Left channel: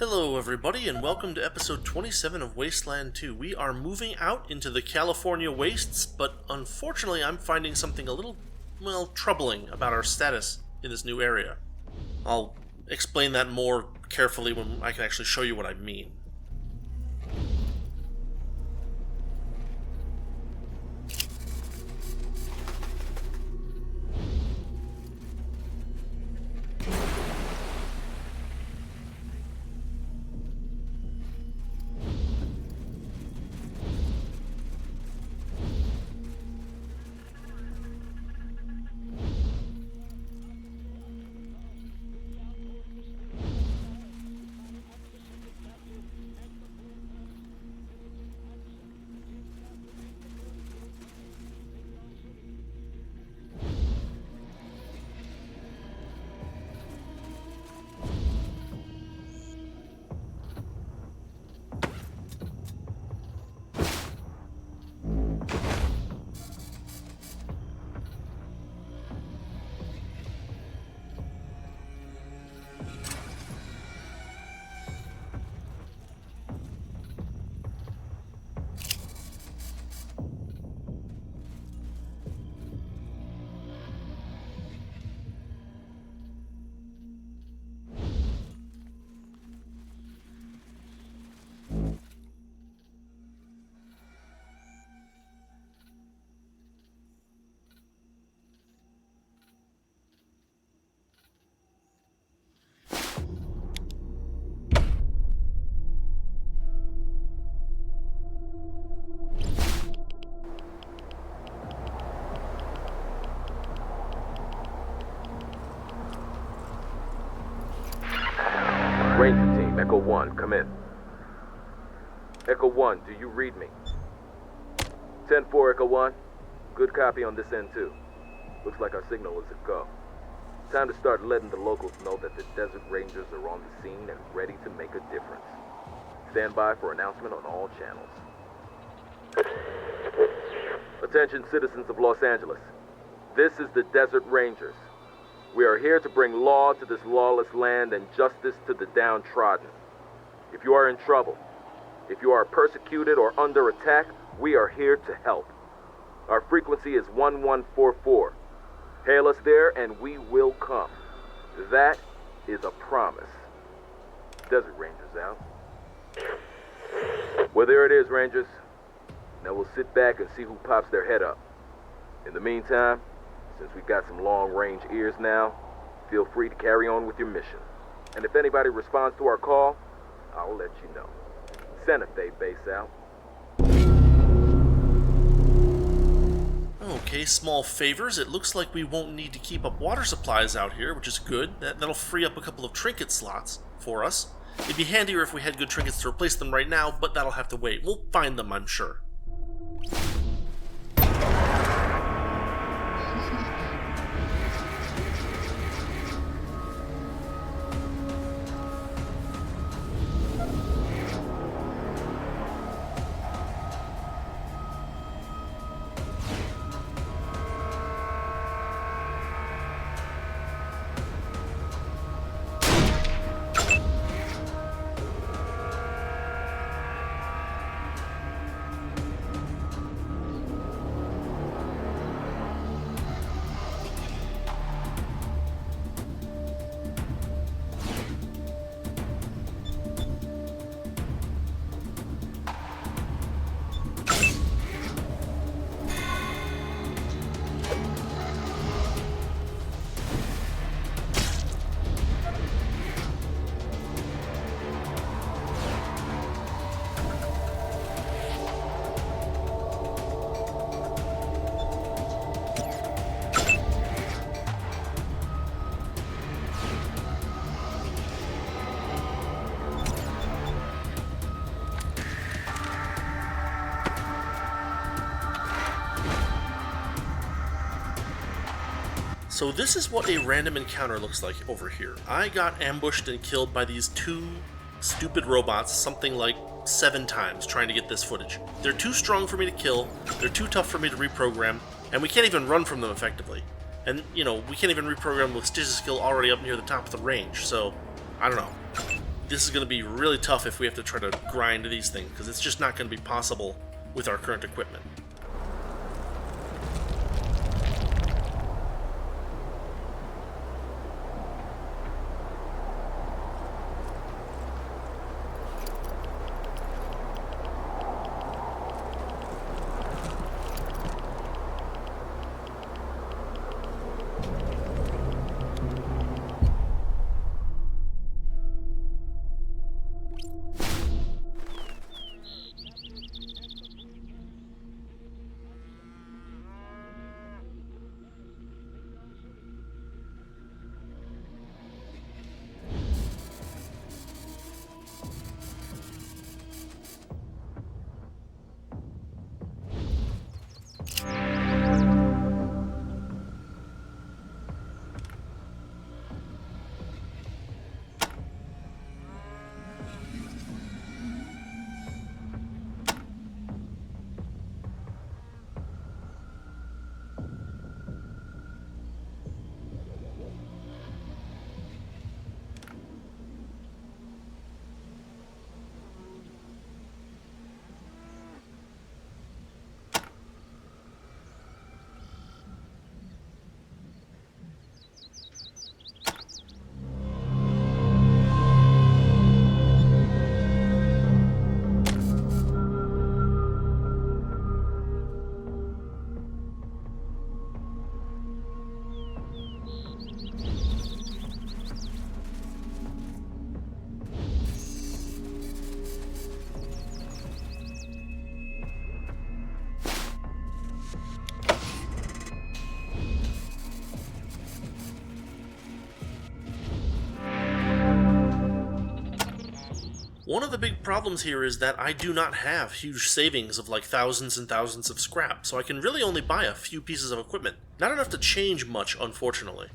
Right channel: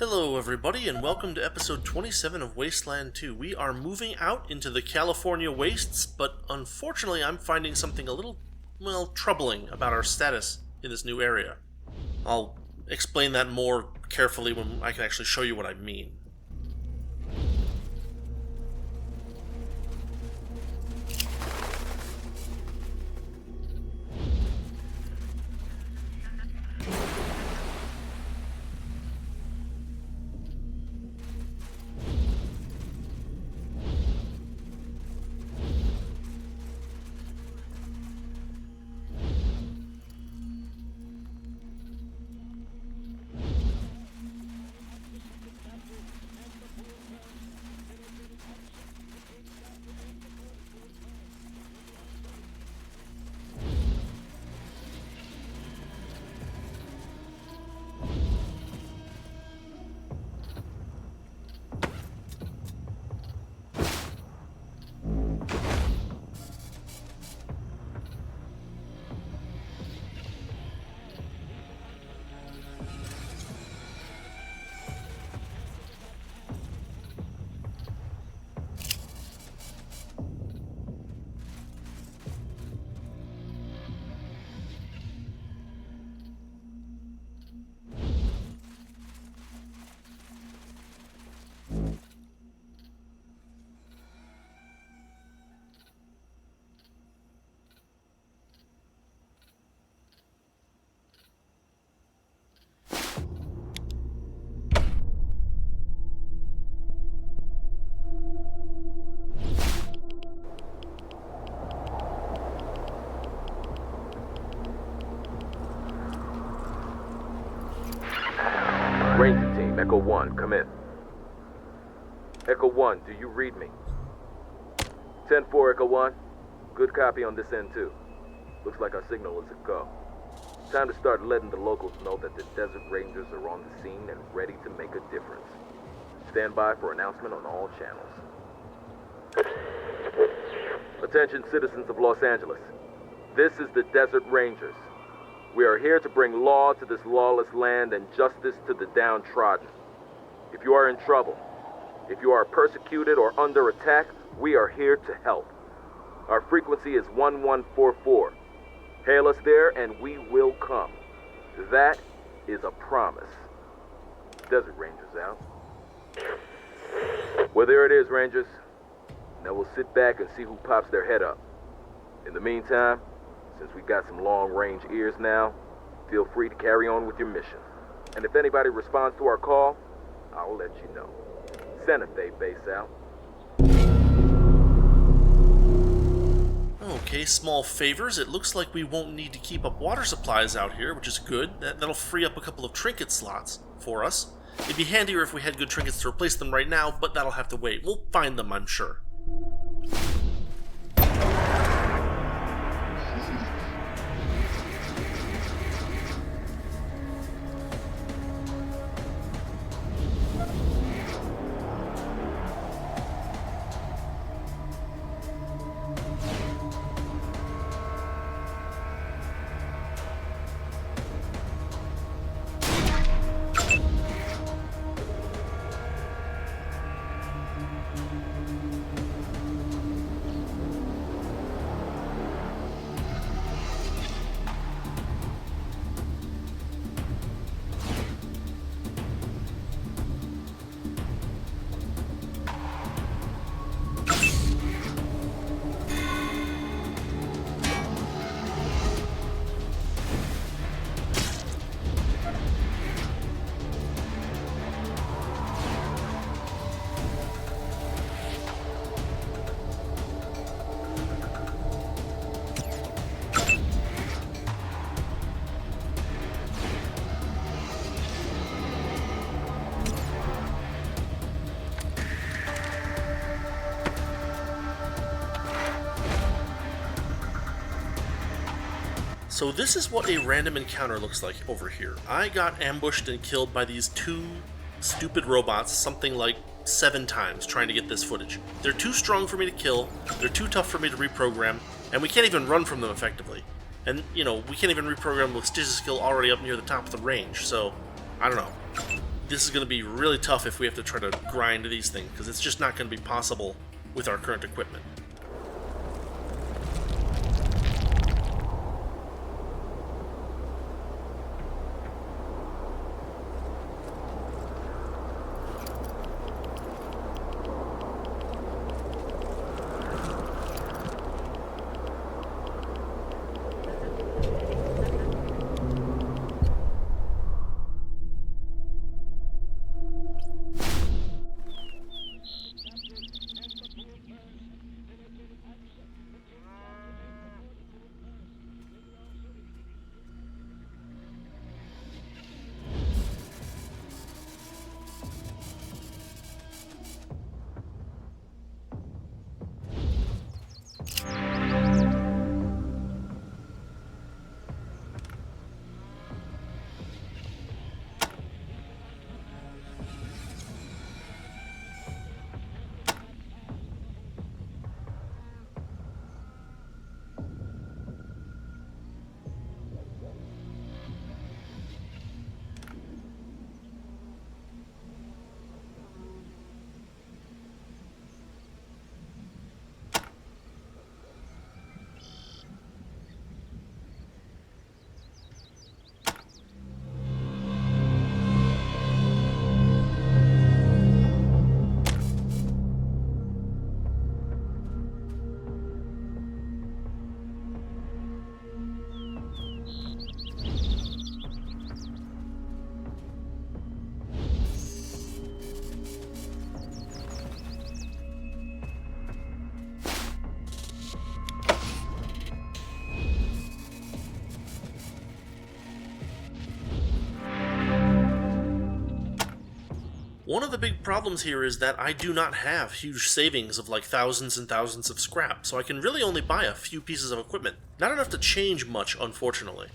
Hello everybody and welcome to episode 27 of Wasteland 2. We are moving out into the California wastes, but unfortunately I'm finding something a little, troubling about our status in this new area. I'll explain that more carefully when I can actually show you what I mean. Ranger team, Echo 1, come in. Echo 1, do you read me? 10-4, Echo 1. Good copy on this end, too. Looks like our signal is a go. Time to start letting the locals know that the Desert Rangers are on the scene and ready to make a difference. Stand by for announcement on all channels. Attention, citizens of Los Angeles. This is the Desert Rangers. We are here to bring law to this lawless land and justice to the downtrodden. If you are in trouble, if you are persecuted or under attack, we are here to help. Our frequency is 1144. Hail us there and we will come. That is a promise. Desert Rangers out. Well, there it is, Rangers. Now we'll sit back and see who pops their head up. In the meantime, since we got some long-range ears now, feel free to carry on with your mission. And if anybody responds to our call, I'll let you know. Santa Fe base out. Okay, small favors. It looks like we won't need to keep up water supplies out here, which is good. That'll free up a couple of trinket slots for us. It'd be handier if we had good trinkets to replace them right now, but that'll have to wait. We'll find them, I'm sure. So this is what a random encounter looks like over here. I got ambushed and killed by these two stupid robots something like 7 times trying to get this footage. They're too strong for me to kill, they're too tough for me to reprogram, and we can't even run from them effectively. And, you know, we can't even reprogram with Stitch's skill already up near the top of the range, so, I don't know. this is going to be really tough if we have to try to grind these things, because it's just not going to be possible with our current equipment. One of the big problems here is that I do not have huge savings of like thousands and thousands of scrap, so I can really only buy a few pieces of equipment. Not enough to change much, unfortunately.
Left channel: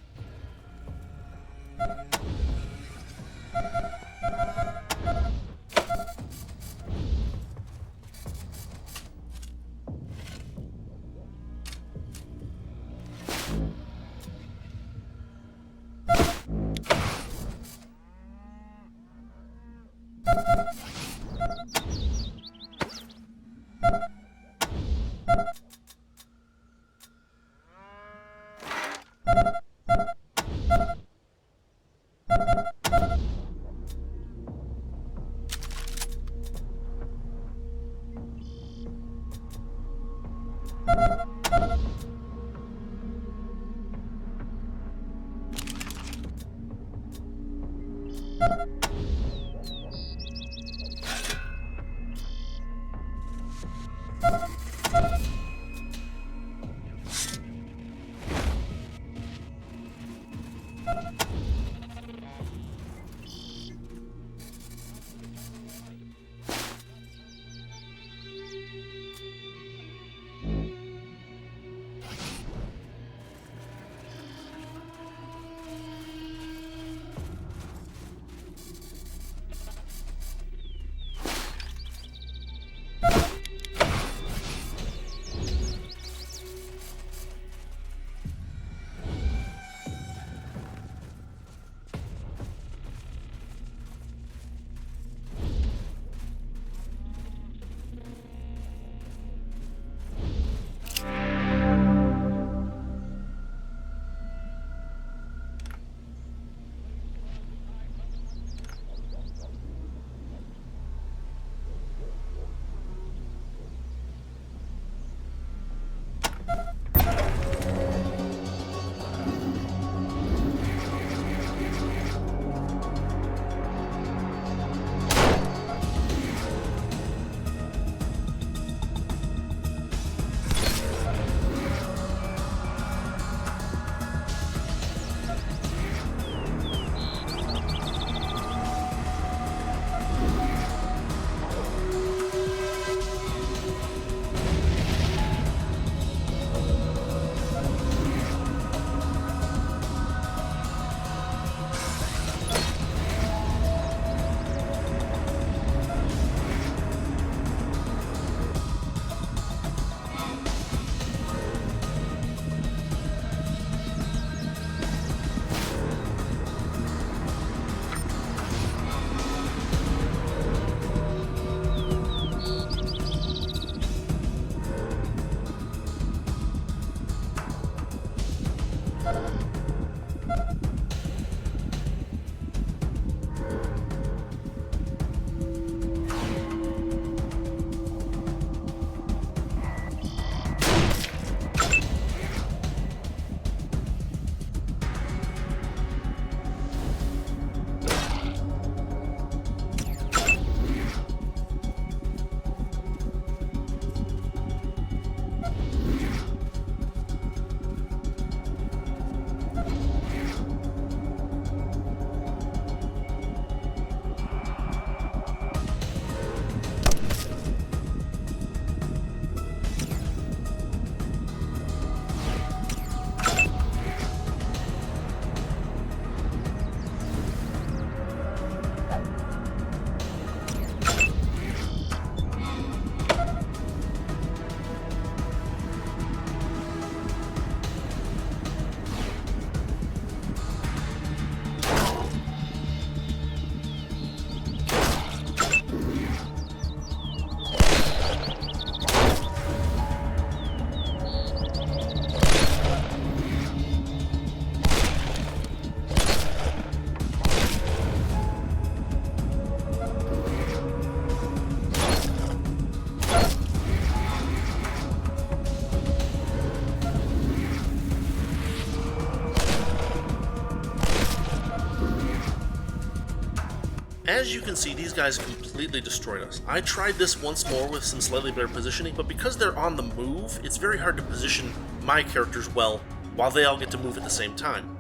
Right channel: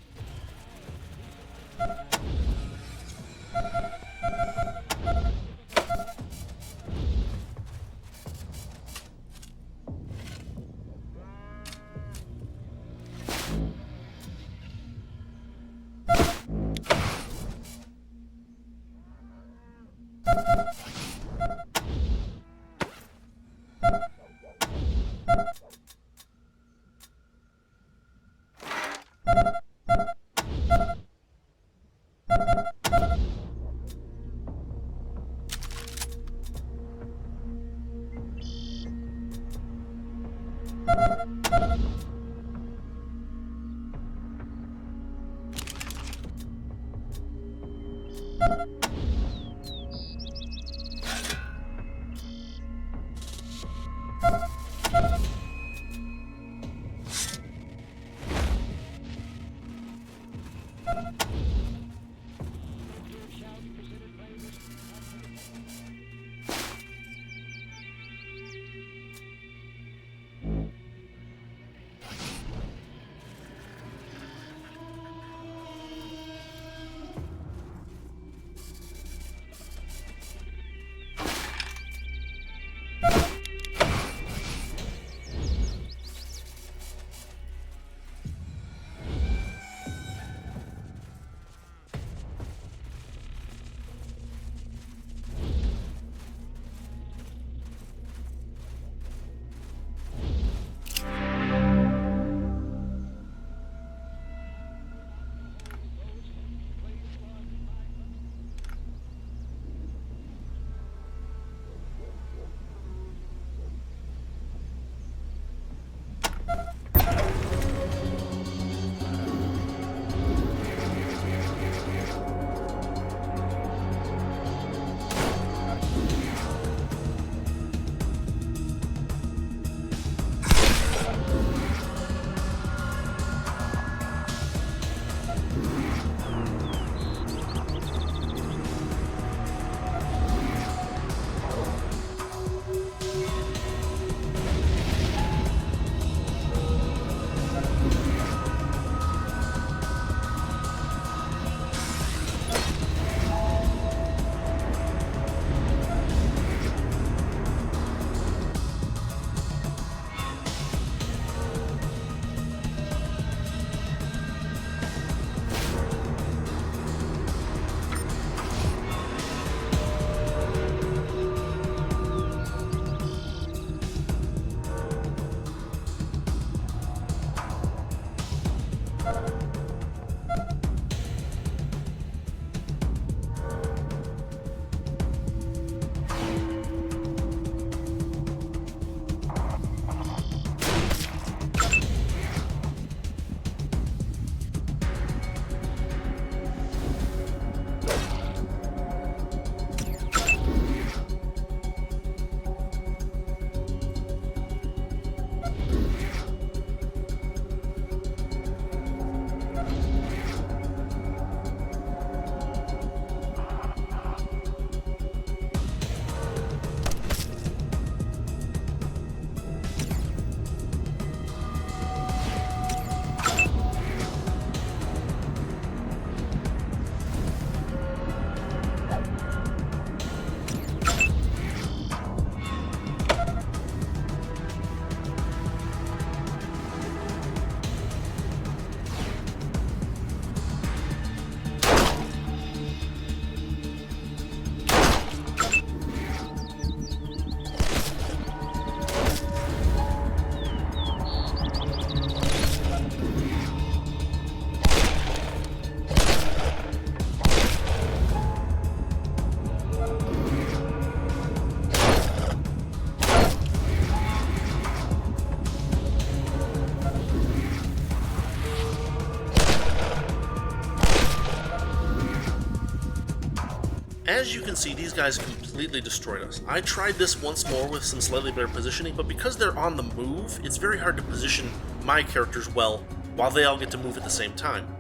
As you can see, these guys completely destroyed us. I tried this once more with some slightly better positioning, but because they're on the move, it's very hard to position my characters well while they all get to move at the same time.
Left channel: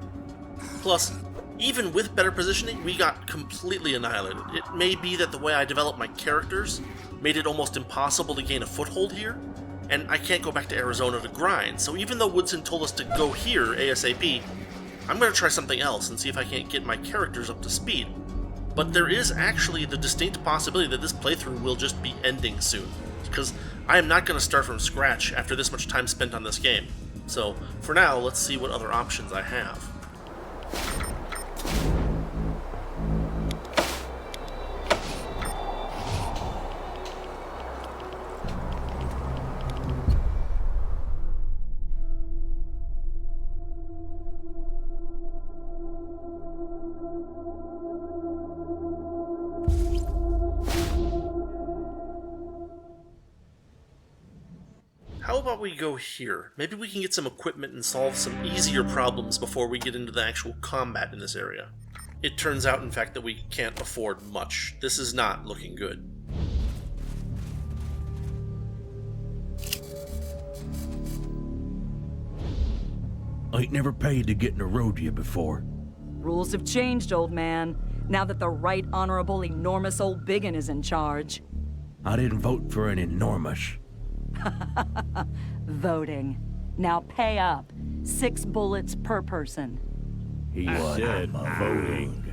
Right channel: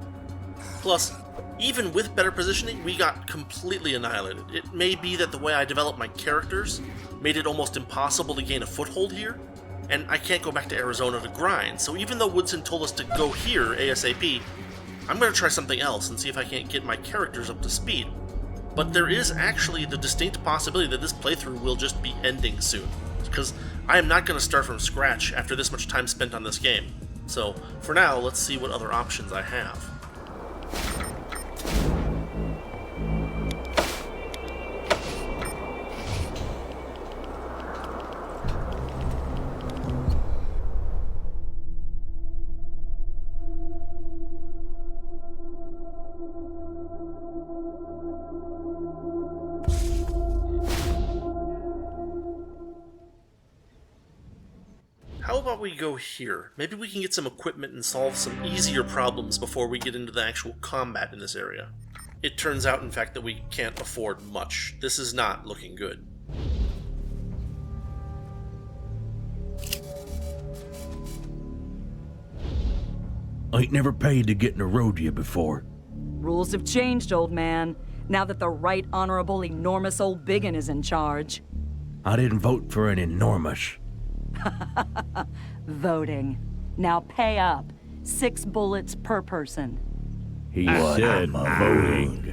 Plus, even with better positioning, we got completely annihilated. It may be that the way I developed my characters made it almost impossible to gain a foothold here, and I can't go back to Arizona to grind, so even though Woodson told us to go here ASAP, I'm going to try something else and see if I can't get my characters up to speed. But there is actually the distinct possibility that this playthrough will just be ending soon, because I am not going to start from scratch after this much time spent on this game. So, for now, let's see what other options I have. How about we go here? Maybe we can get some equipment and solve some easier problems before we get into the actual combat in this area. It turns out, in fact, that we can't afford much. This is not looking good. I ain't never paid to get in a rodeo before. Rules have changed, old man. Now that the right honorable enormous old biggin is in charge. I didn't vote for an enormous. Voting. Now pay up. 6 bullets per person. He said voting.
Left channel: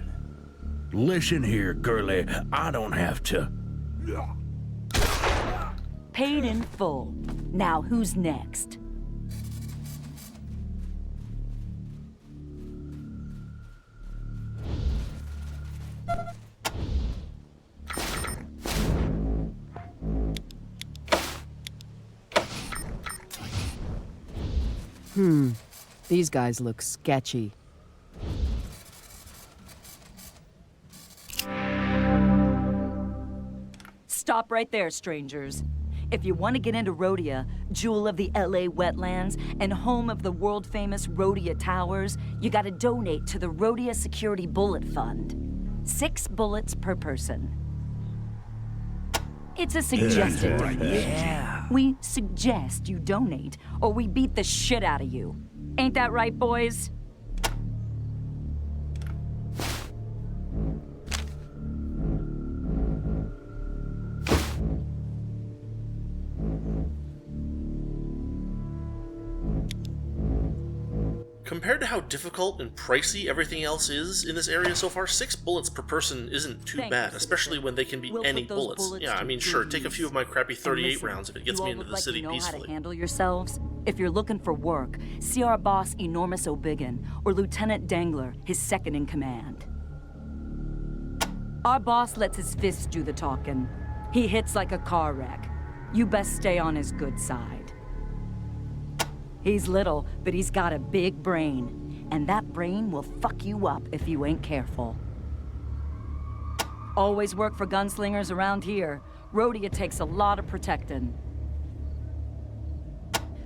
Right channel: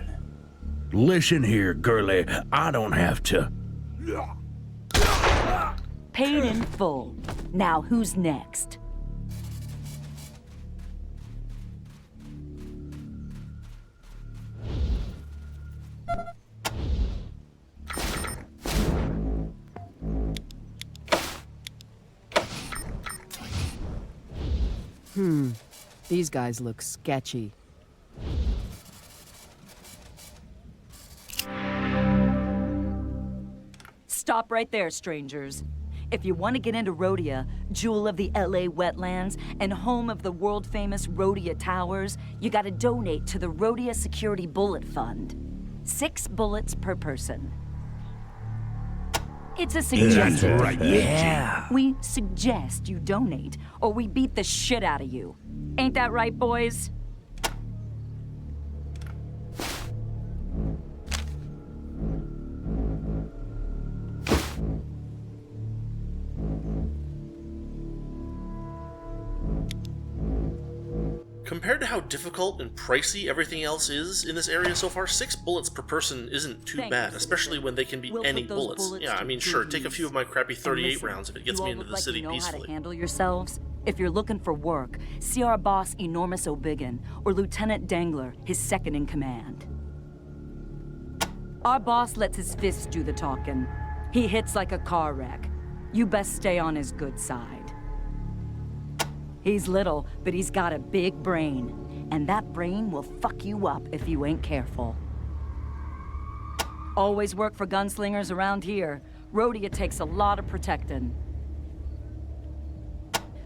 Listen here, girlie. I don't have to. Paid in full. Now who's next? These guys look sketchy. Stop right there, strangers. If you want to get into Rhodia, jewel of the LA wetlands and home of the world-famous Rhodia Towers, you gotta donate to the Rhodia Security Bullet Fund. 6 bullets per person. It's a suggested donation. Yeah. We suggest you donate, or we beat the shit out of you. Ain't that right, boys? Compared to how difficult and pricey everything else is in this area so far, 6 bullets per person isn't too Thank bad, you, especially citizen. when they can be We'll any put those bullets. bullets Yeah, I to mean, good sure, take a few of my crappy And 38 listen, rounds if it gets you me all into look the like city you know how peacefully. to handle yourselves. If you're looking for work, see our boss Enormous O'Biggin or Lieutenant Dangler, his second in command. Our boss lets his fists do the talking. He hits like a car wreck. You best stay on his good side. He's little, but he's got a big brain. And that brain will fuck you up if you ain't careful. Always work for gunslingers around here. Rhodia takes a lot of protecting.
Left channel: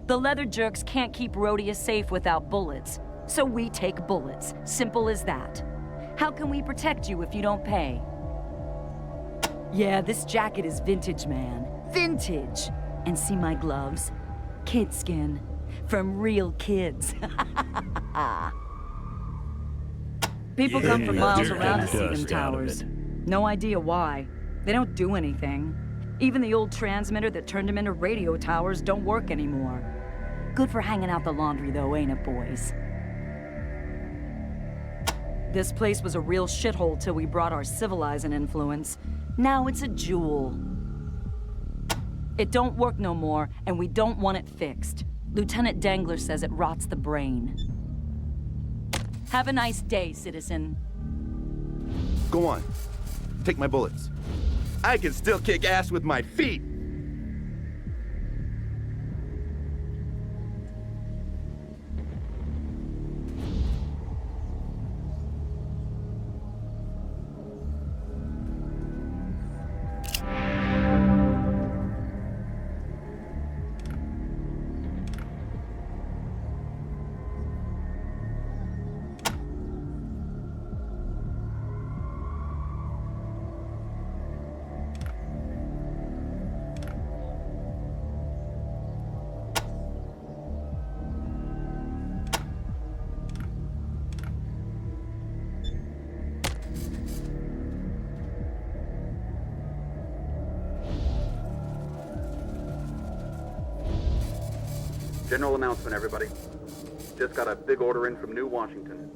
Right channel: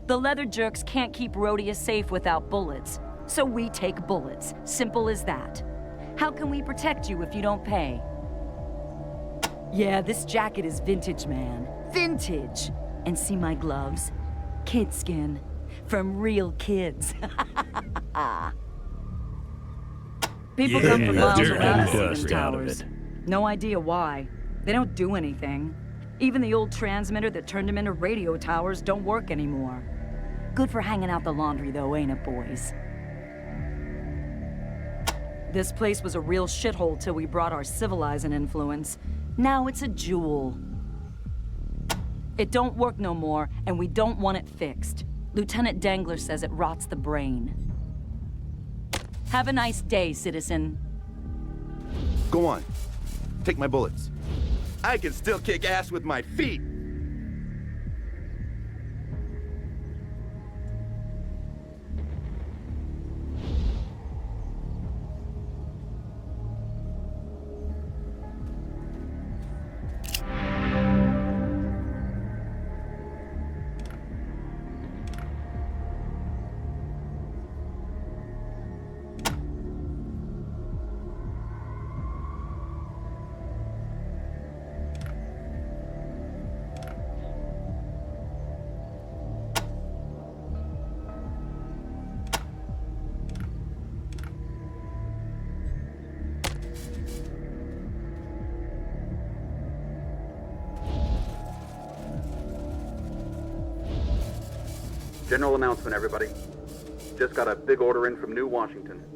The leather jerks can't keep Rhodia safe without bullets, so we take bullets. Simple as that. How can we protect you if you don't pay? Yeah, this jacket is vintage, man. Vintage! And see my gloves? Kid skin. From real kids. People come from Yeah, miles dirt around and to see them dust out of towers. it. No idea why. They don't do anything. Even the old transmitter that turned them into radio towers don't work anymore. Good for hanging out the laundry though, ain't it, boys? This place was a real shithole till we brought our civilizing influence. Now it's a jewel. It don't work no more, and we don't want it fixed. Lieutenant Dangler says it rots the brain. Have a nice day, citizen. Go on. Take my bullets. I can still kick ass with my feet. General announcement, everybody. Just got a big order in from New Washington.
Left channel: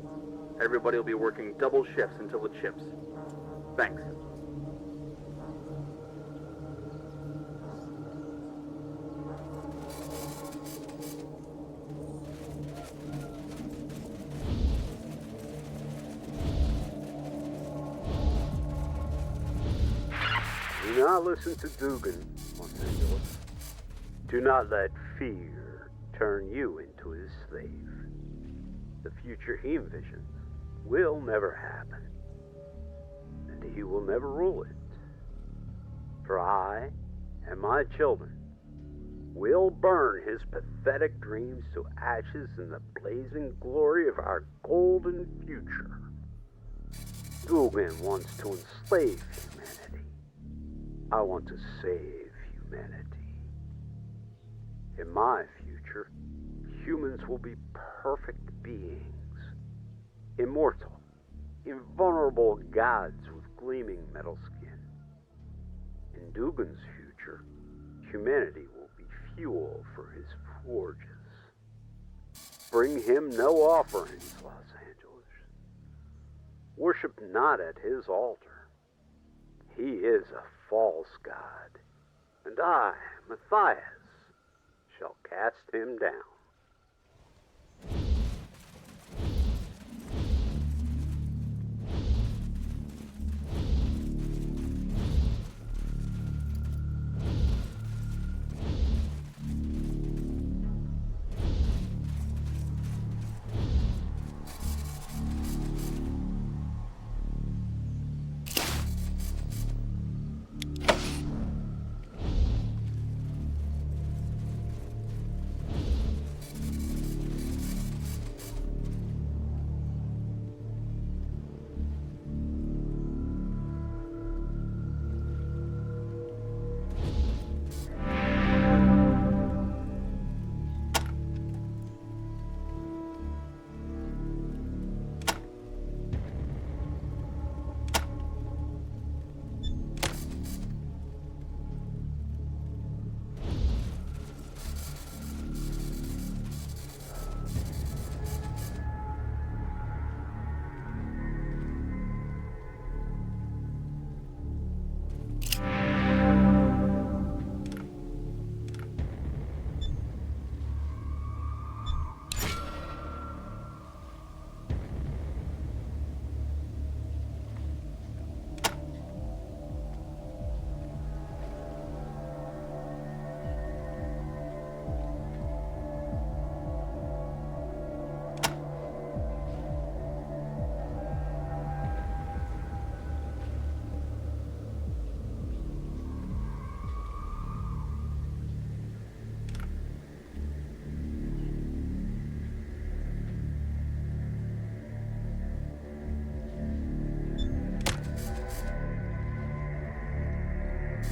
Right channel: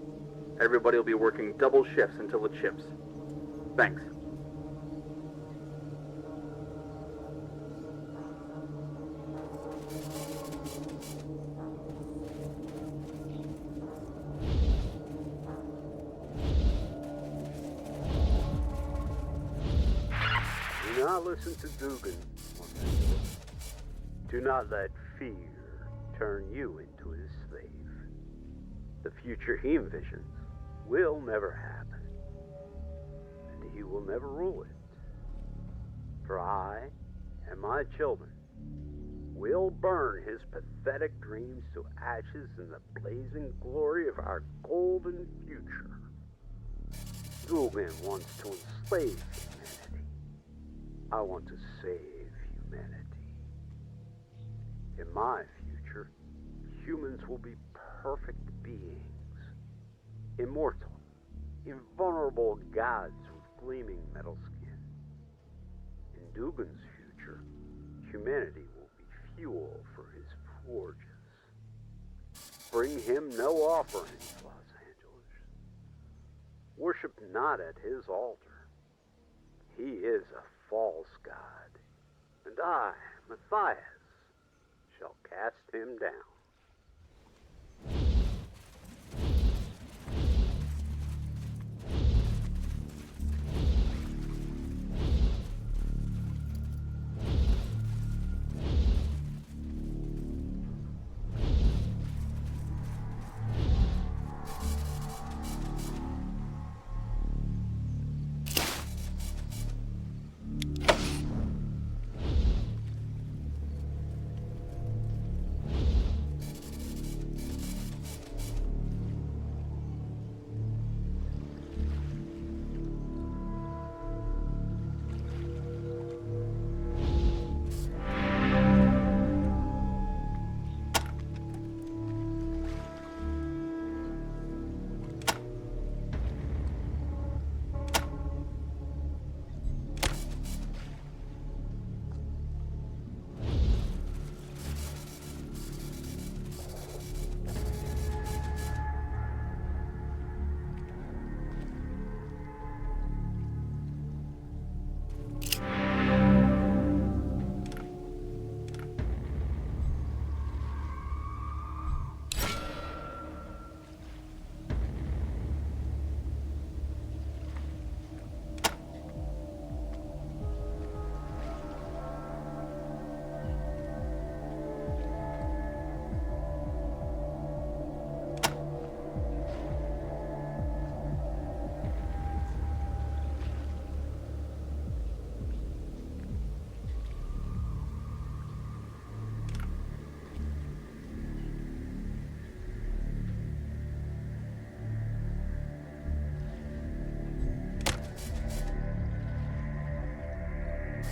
Everybody will be working double shifts until it ships. Thanks. Do not listen to Dugan, Los Angeles. Do not let fear turn you into his slave. The future he envisions will never happen, and he will never rule it. For I and my children will burn his pathetic dreams to ashes in the blazing glory of our golden future. Dugan wants to enslave humanity. I want to save humanity. In my future, humans will be perfect beings, immortal, invulnerable gods with gleaming metal skin. In Dugan's future, humanity will be fuel for his forges. Bring him no offerings, Los Angeles. Worship not at his altar. He is a false god, and I, Matthias, shall cast him down.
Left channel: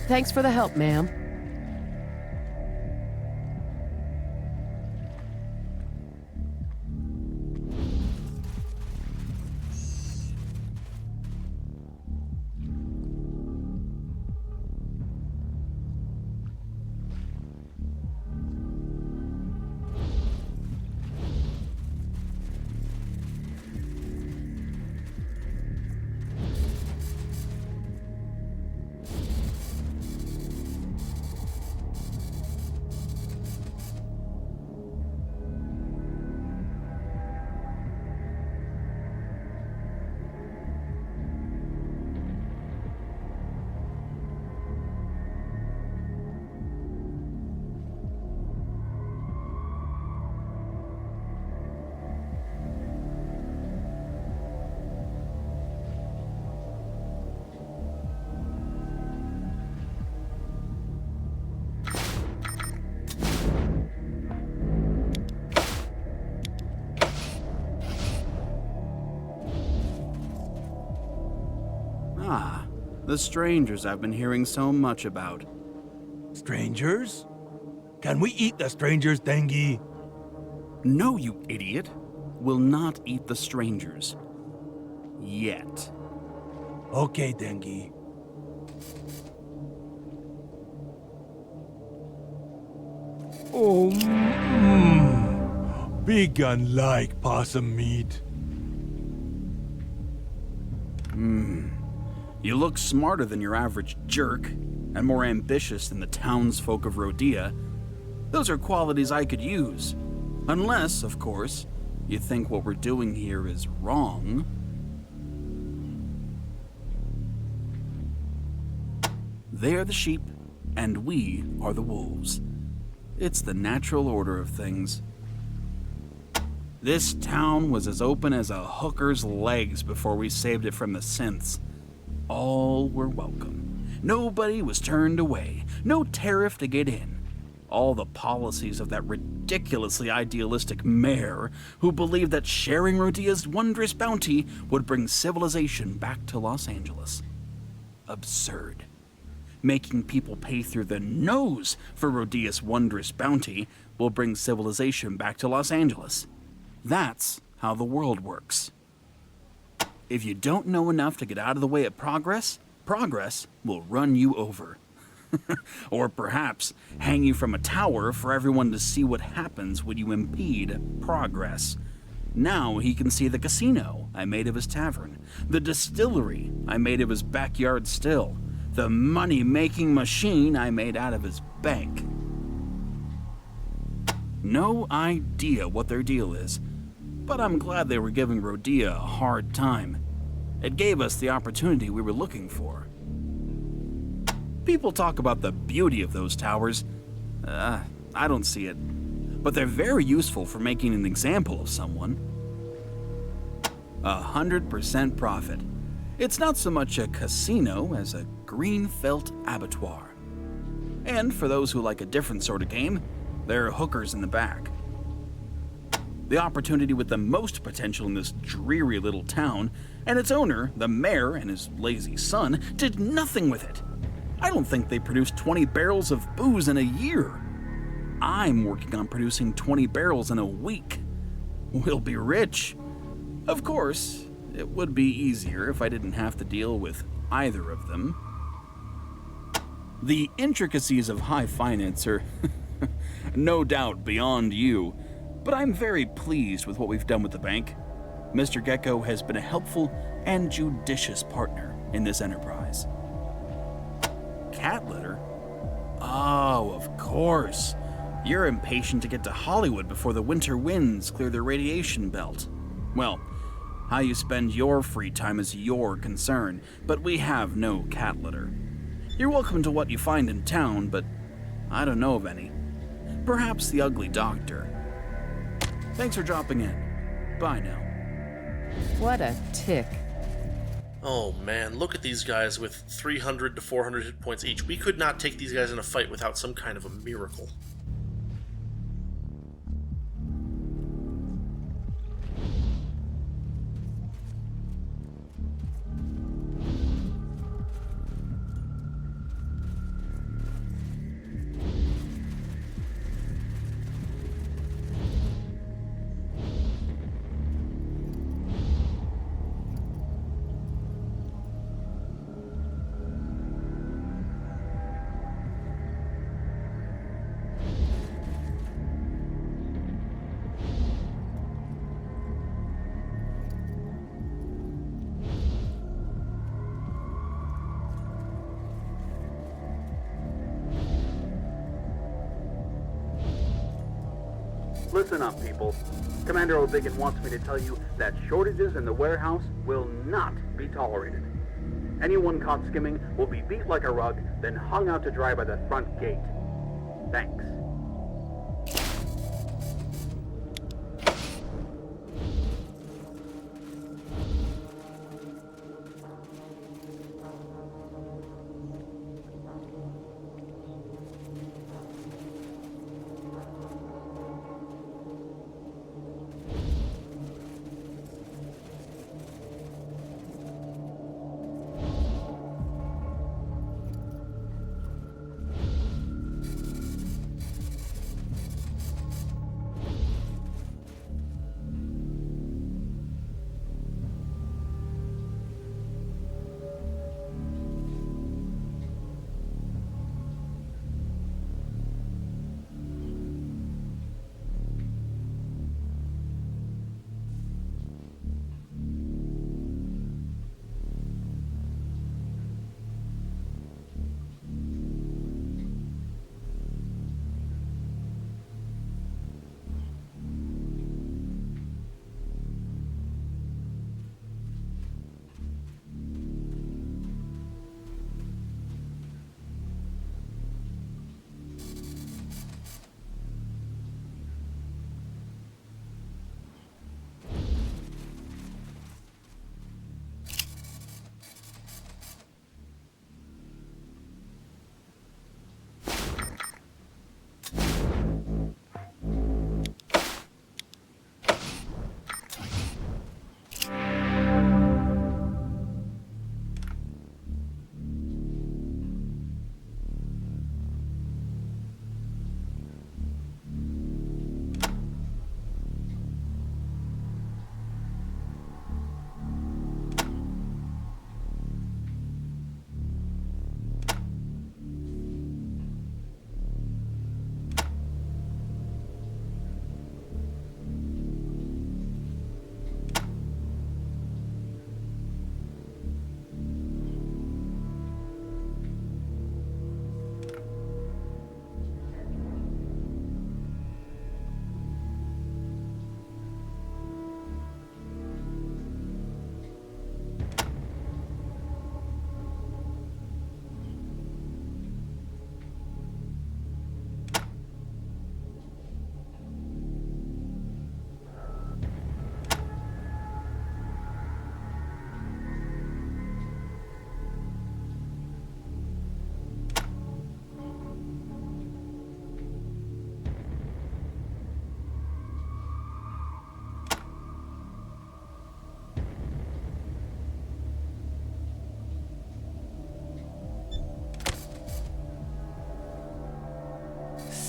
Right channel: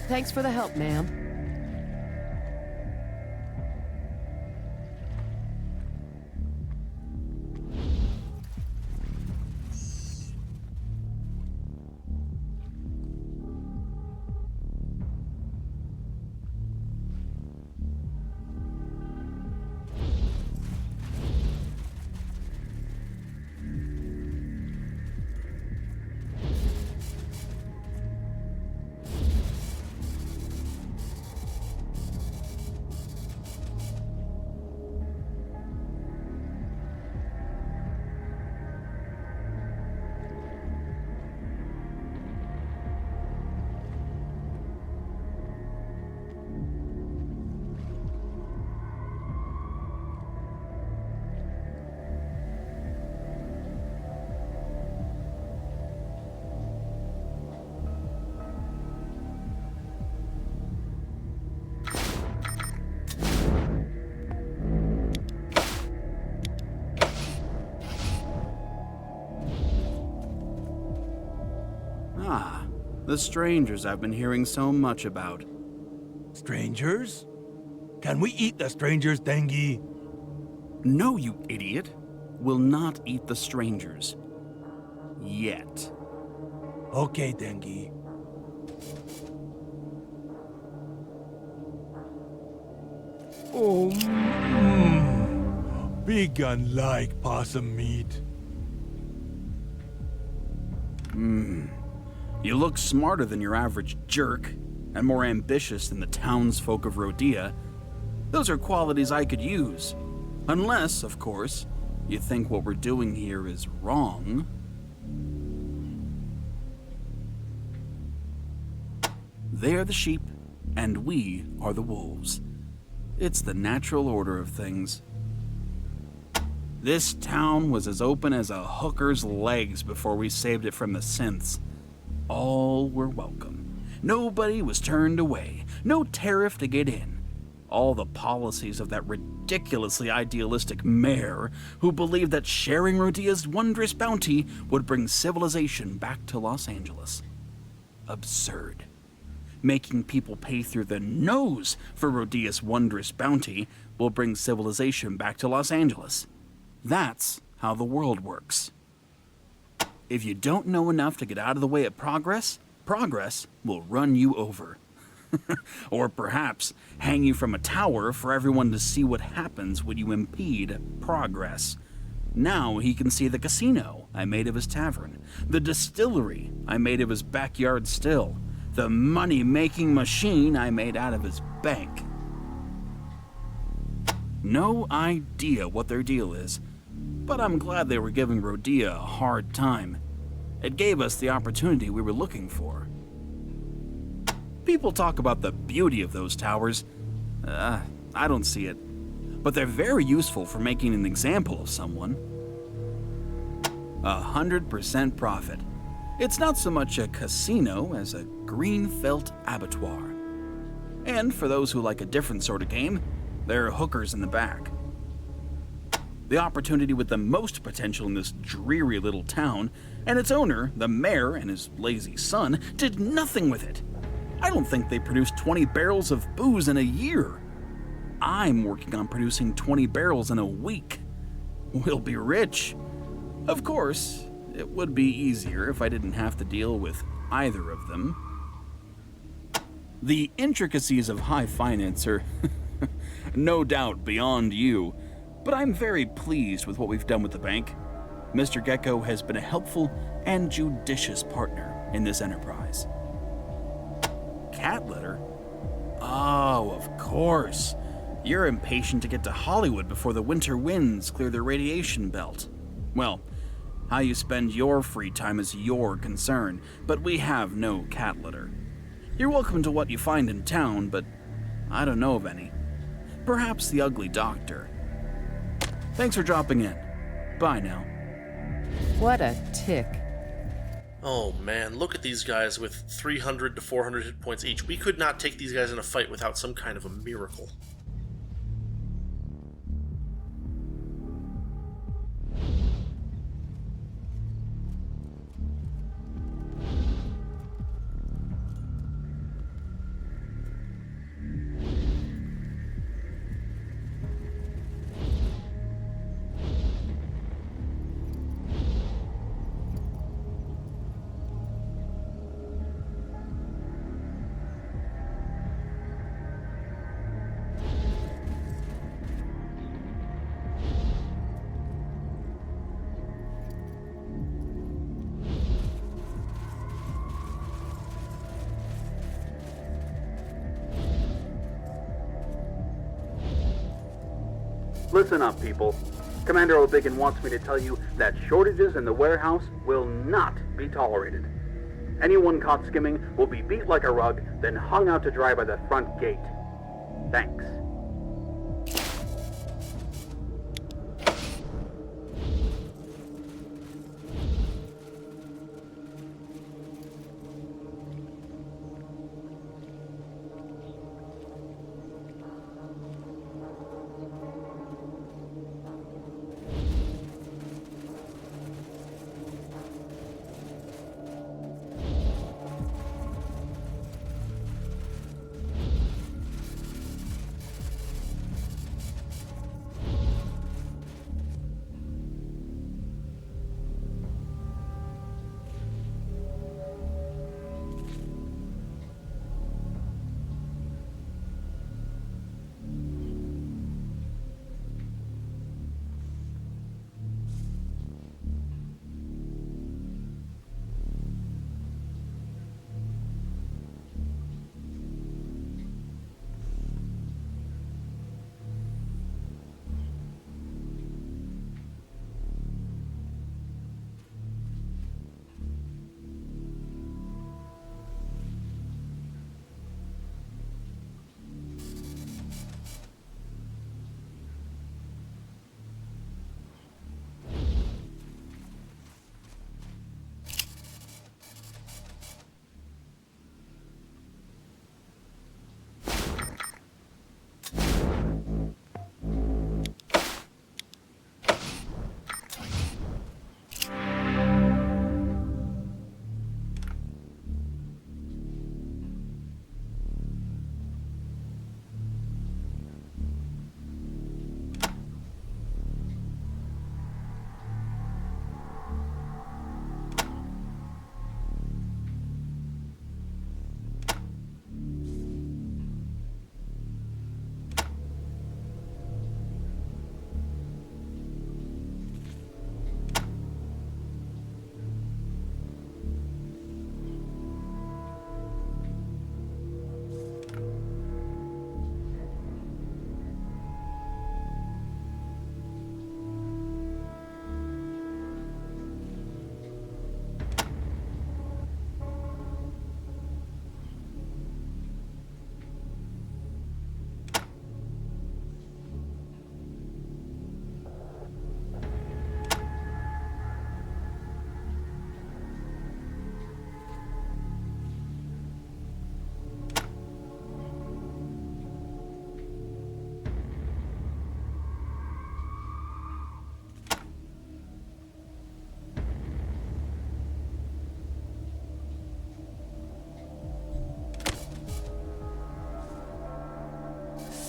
Thanks for the help, ma'am. Ah, the strangers I've been hearing so much about. Strangers? Can we eat the strangers, Dengi? No, you idiot. Will not eat the strangers. Yet. Okay, Dengi. Oh, Big gun like possum meat. You look smarter than your average jerk, and more ambitious than the townsfolk of Rodea. Those are qualities I could use. Unless, of course, you think what we're doing here is wrong. They are the sheep, and we are the wolves. It's the natural order of things. This town was as open as a hooker's legs before we saved it from the synths. All were welcome. Nobody was turned away. No tariff to get in. All the policies of that ridiculously idealistic mayor who believed that sharing Rodea's wondrous bounty would bring civilization back to Los Angeles. Absurd. Making people pay through the nose for Rodea's wondrous bounty will bring civilization back to Los Angeles. That's how the world works. If you don't know enough to get out of the way of progress, progress will run you over. Or perhaps hang you from a tower for everyone to see what happens when you impede progress. Now he can see the casino I made of his tavern, the distillery I made of his backyard still, the money-making machine I made out of his bank. No idea what their deal is, but I'm glad they were giving Rodea a hard time. It gave us the opportunity we were looking for. People talk about the beauty of those towers. I don't see it. But they're very useful for making an example of someone. 100% profit. It's not so much a casino as a green felt abattoir. And for those who like a different sort of game, there are hookers in the back. The opportunity with the most potential in this dreary little town, and its owner, the mayor and his lazy son, did nothing with it. I don't think they produced 20 barrels of booze in a year. I'm working on producing 20 barrels in a week. We'll be rich. Of course, it would be easier if I didn't have to deal with either of them. The intricacies of high finance are no doubt beyond you, but I'm very pleased with what we've done with the bank. Mr. Gecko has been a helpful and judicious partner in this enterprise. Cat litter? Oh, of course. You're impatient to get to Hollywood before the winter winds clear the radiation belt. Well, how you spend your free time is your concern, but we have no cat litter. You're welcome to what you find in town, but I don't know of any. Perhaps the ugly doctor. Thanks for dropping in. Bye now. What a tick. Oh man, look at these guys with 300 to 400 hit points each. We could not take these guys in a fight without some kind of a miracle. Listen up, people. Commander O'Biggin wants me to tell you that shortages in the warehouse will not be tolerated. Anyone caught skimming will be beat like a rug, then hung out to dry by the front gate. Thanks.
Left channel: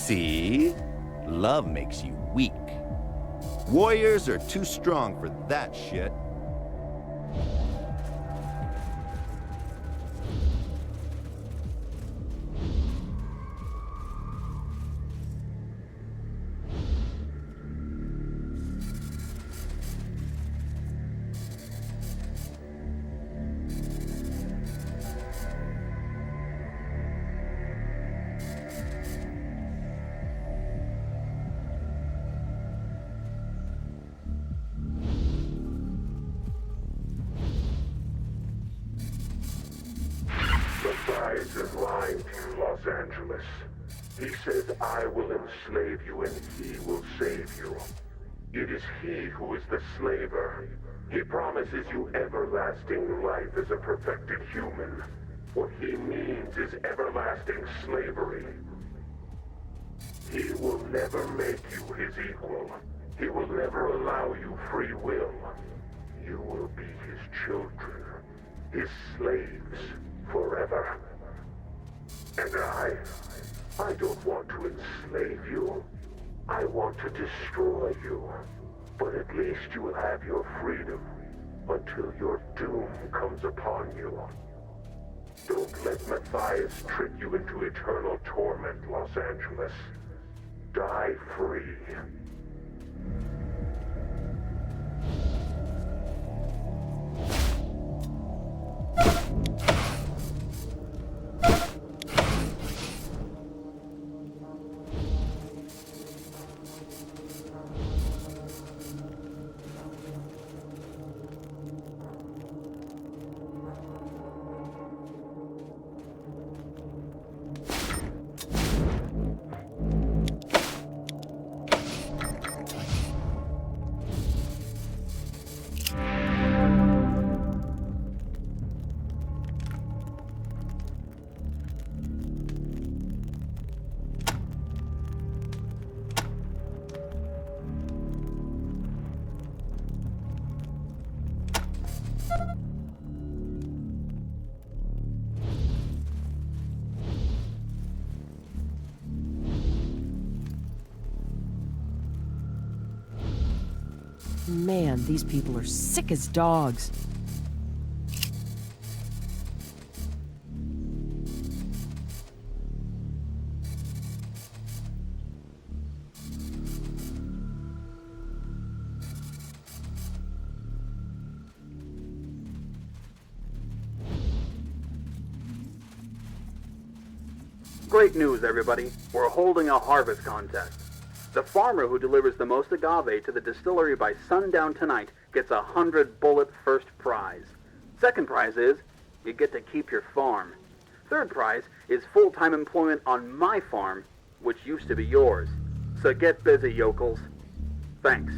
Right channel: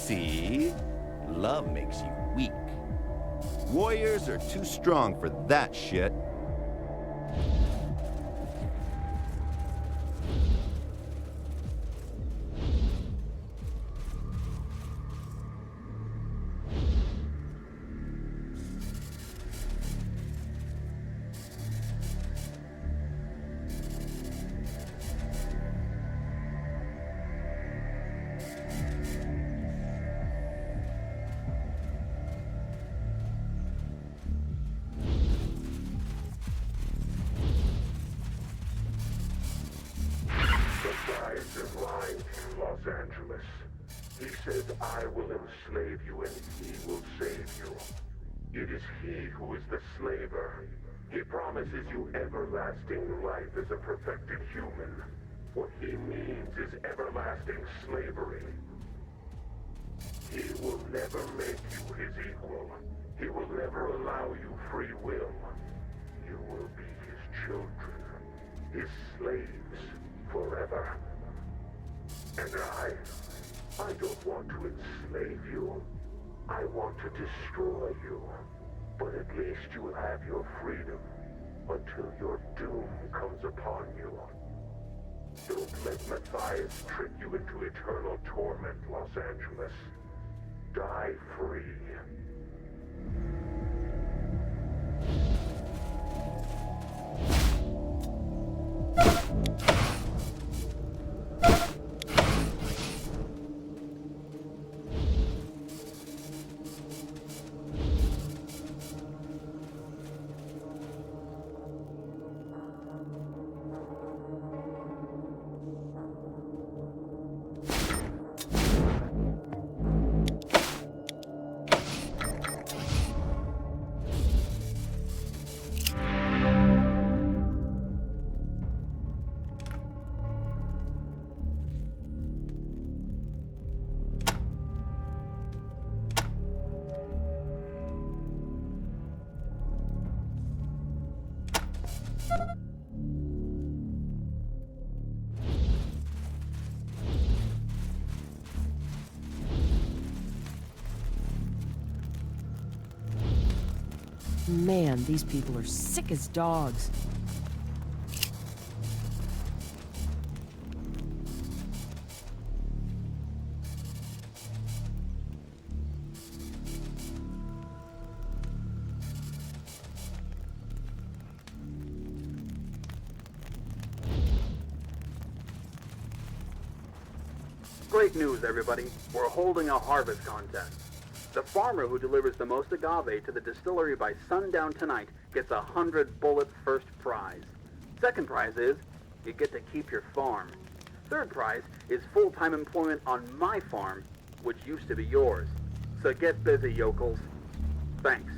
See? Love makes you weak. Warriors are too strong for that shit. Matthias is lying to you, Los Angeles. He says I will enslave you and he will save you. It is he who is the slaver. He promises you everlasting life as a perfected human. What he means is everlasting slavery. He will never make you his equal. He will never allow you free will. You will be his children, his slaves, forever. And I don't want to enslave you. I want to destroy you. But at least you will have your freedom until your doom comes upon you. Don't let Matthias trick you into eternal torment, Los Angeles. Die free. Man, these people are sick as dogs. Great news, everybody. We're holding a harvest contest. The farmer who delivers the most agave to the distillery by sundown tonight gets 100-bullet first prize. Second prize is, you get to keep your farm. Third prize is full-time employment on my farm, which used to be yours. So get busy, yokels. Thanks.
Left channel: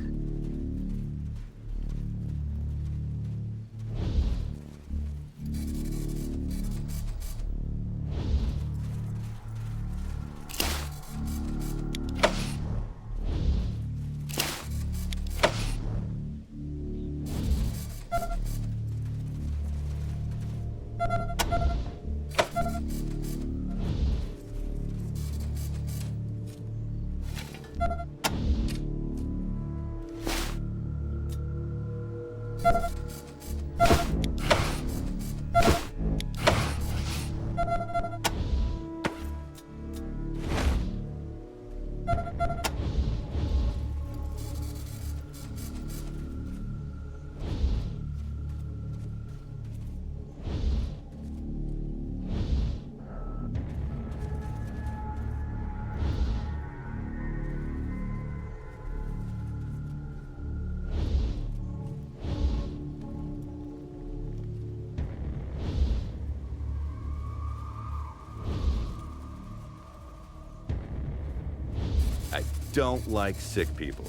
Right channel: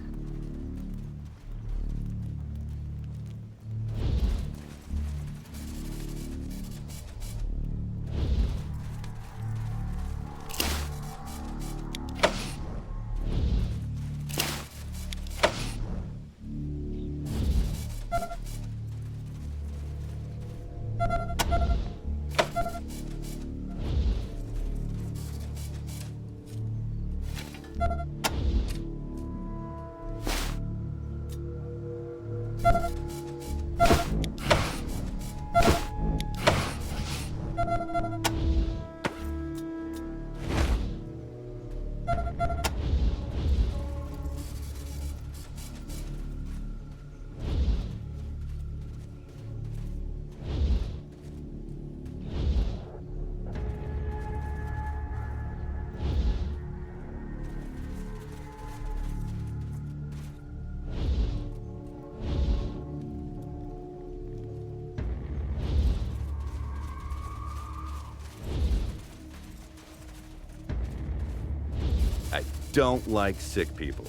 I don't like sick people.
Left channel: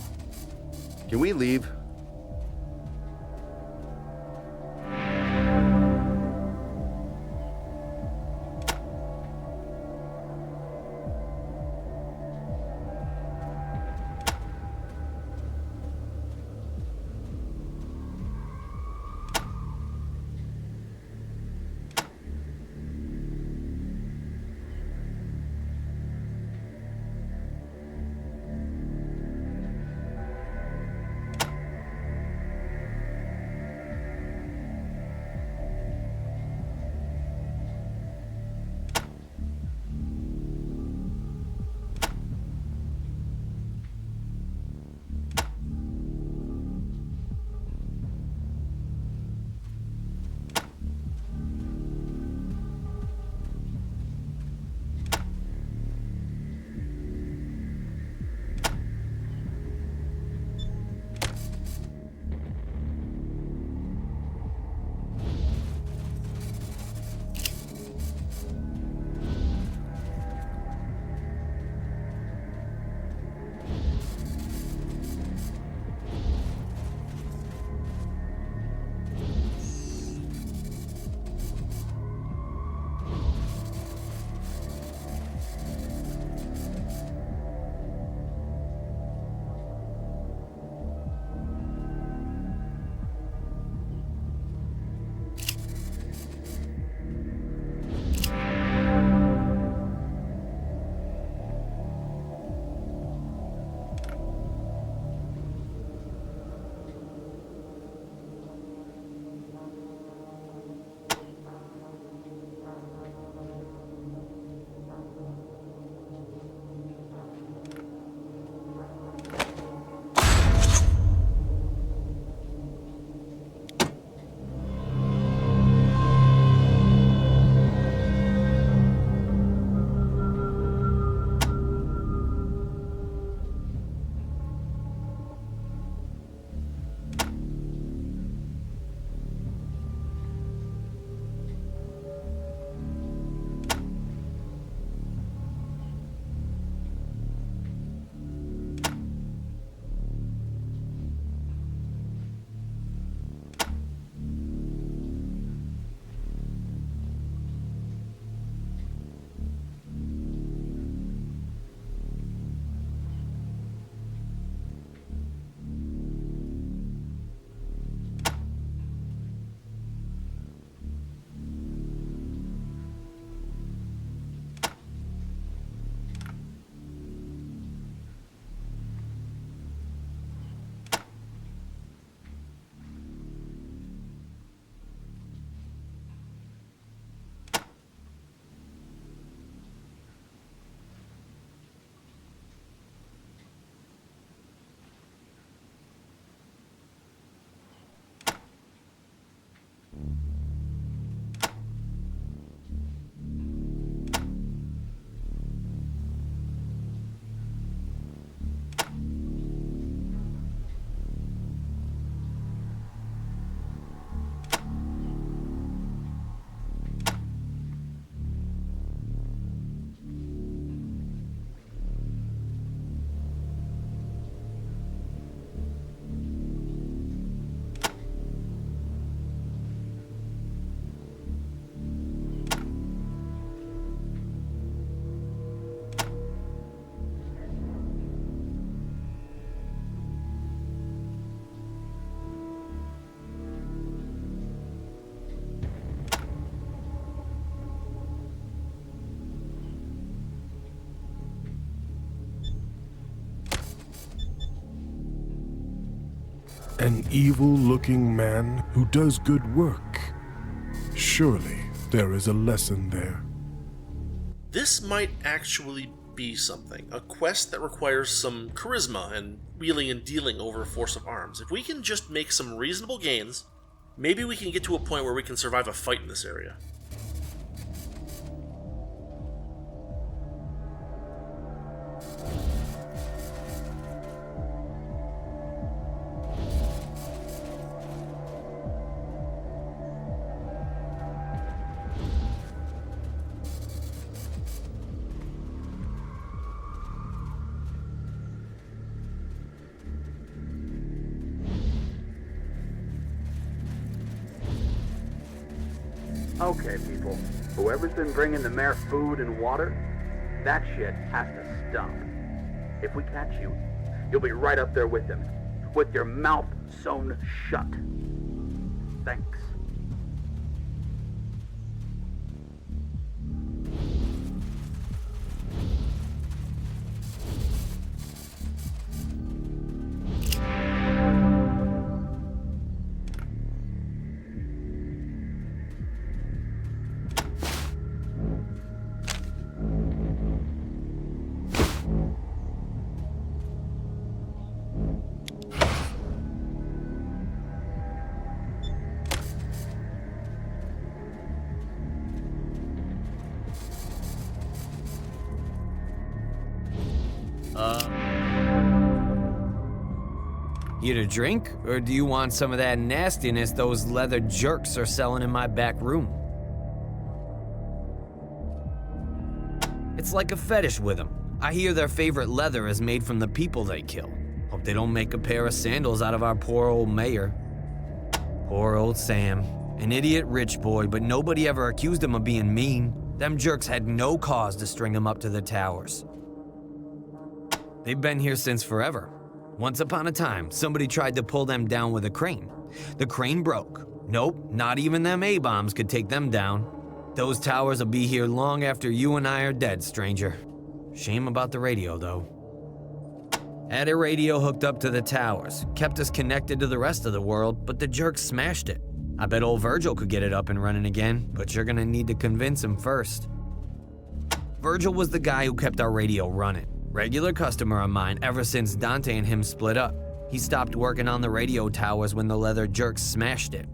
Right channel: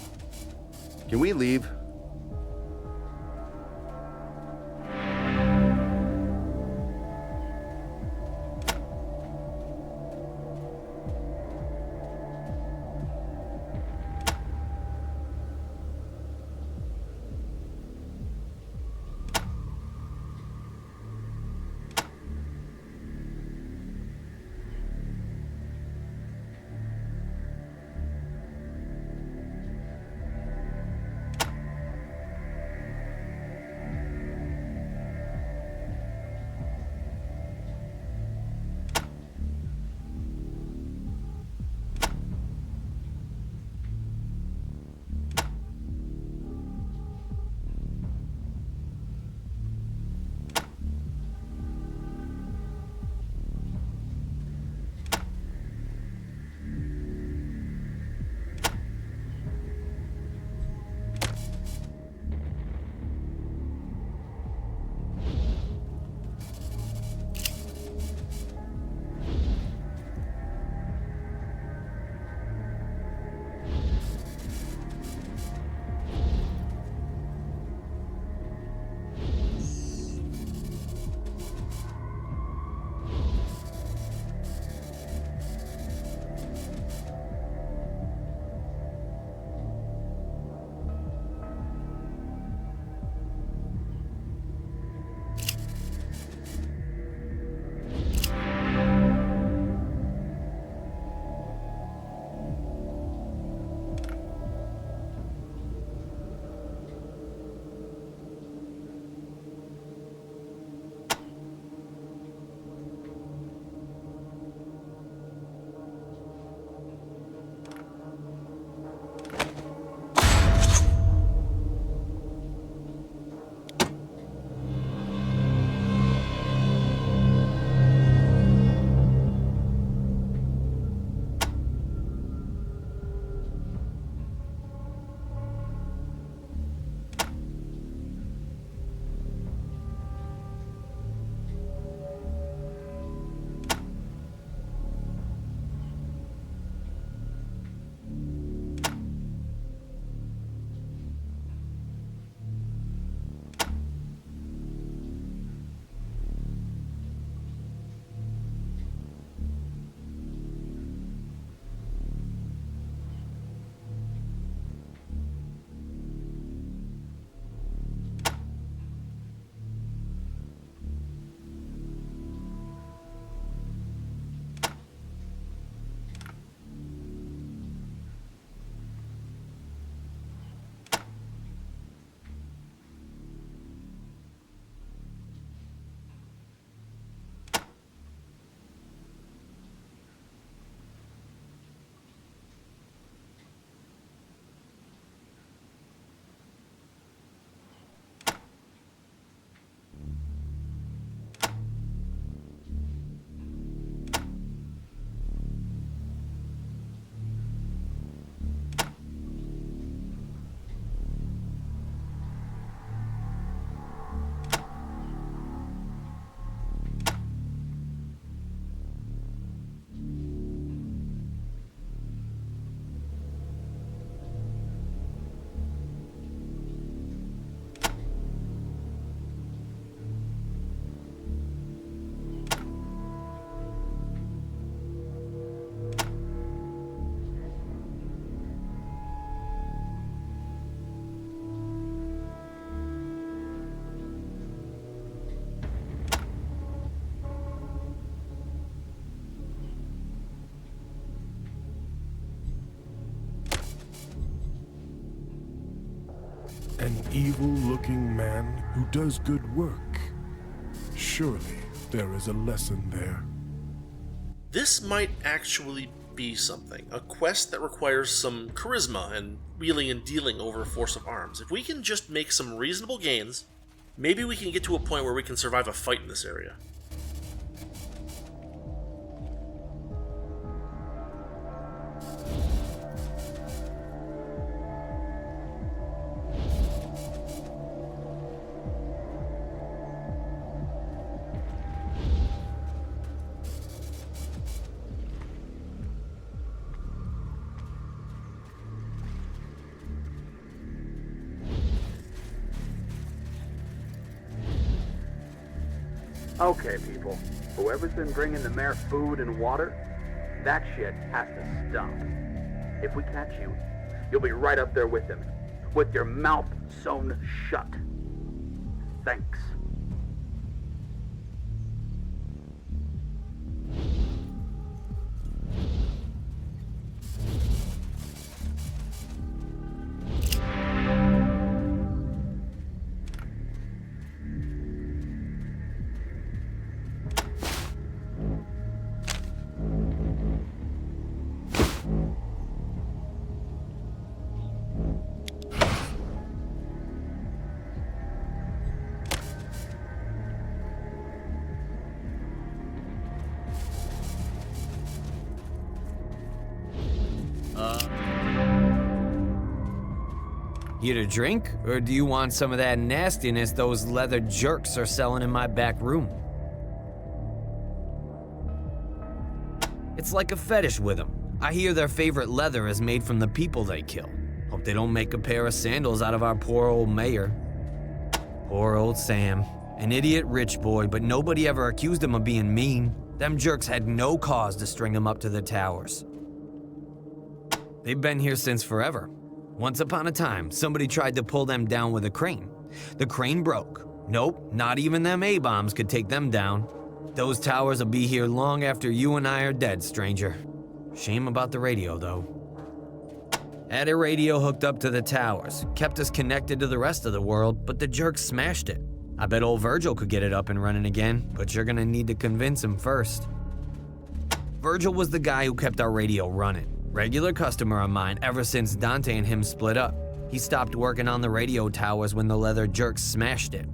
Can we leave? An evil-looking man who does good work. Surely there is a lesson there. This might actually be something. A quest that requires some charisma and wheeling and dealing over a force of arms. If we can just make some reasonable gains, maybe we can get to a point where we can survive a fight in this area. Okay, people. Whoever's been bringing the mayor food and water, that shit has to stop. If we catch you, you'll be right up there with him, with your mouth sewn shut. Thanks. You to drink, or do you want some of that nastiness those leather jerks are selling in my back room? It's like a fetish with them. I hear their favorite leather is made from the people they kill. Hope they don't make a pair of sandals out of our poor old mayor. Poor old Sam. An idiot rich boy, but nobody ever accused him of being mean. Them jerks had no cause to string him up to the towers. They've been here since forever. Once upon a time, somebody tried to pull them down with a crane. The crane broke. Nope, not even them A-bombs could take them down. Those towers will be here long after you and I are dead, stranger. Shame about the radio, though. Had a radio hooked up to the towers, kept us connected to the rest of the world, but the jerks smashed it. I bet old Virgil could get it up and running again, but you're gonna need to convince him first. Virgil was the guy who kept our radio running. Regular customer of mine ever since Dante and him split up. He stopped working on the radio towers when the leather jerks smashed it.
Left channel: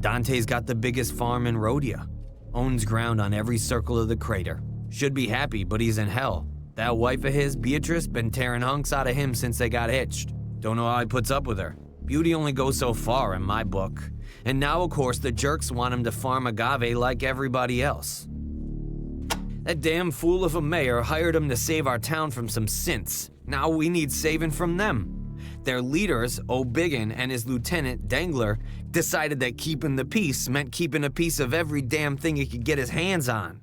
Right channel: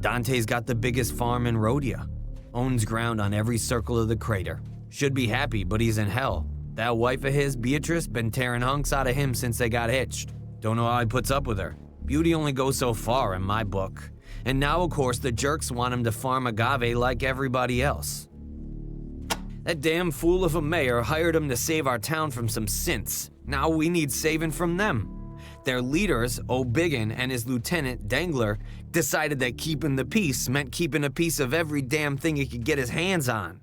Dante's got the biggest farm in Rhodia. Owns ground on every circle of the crater. Should be happy, but he's in hell. That wife of his, Beatrice, been tearing hunks out of him since they got hitched. Don't know how he puts up with her. Beauty only goes so far in my book. And now, of course, the jerks want him to farm agave like everybody else. That damn fool of a mayor hired him to save our town from some synths. Now we need saving from them. Their leaders, O'Biggin and his lieutenant, Dangler, decided that keeping the peace meant keeping a piece of every damn thing he could get his hands on.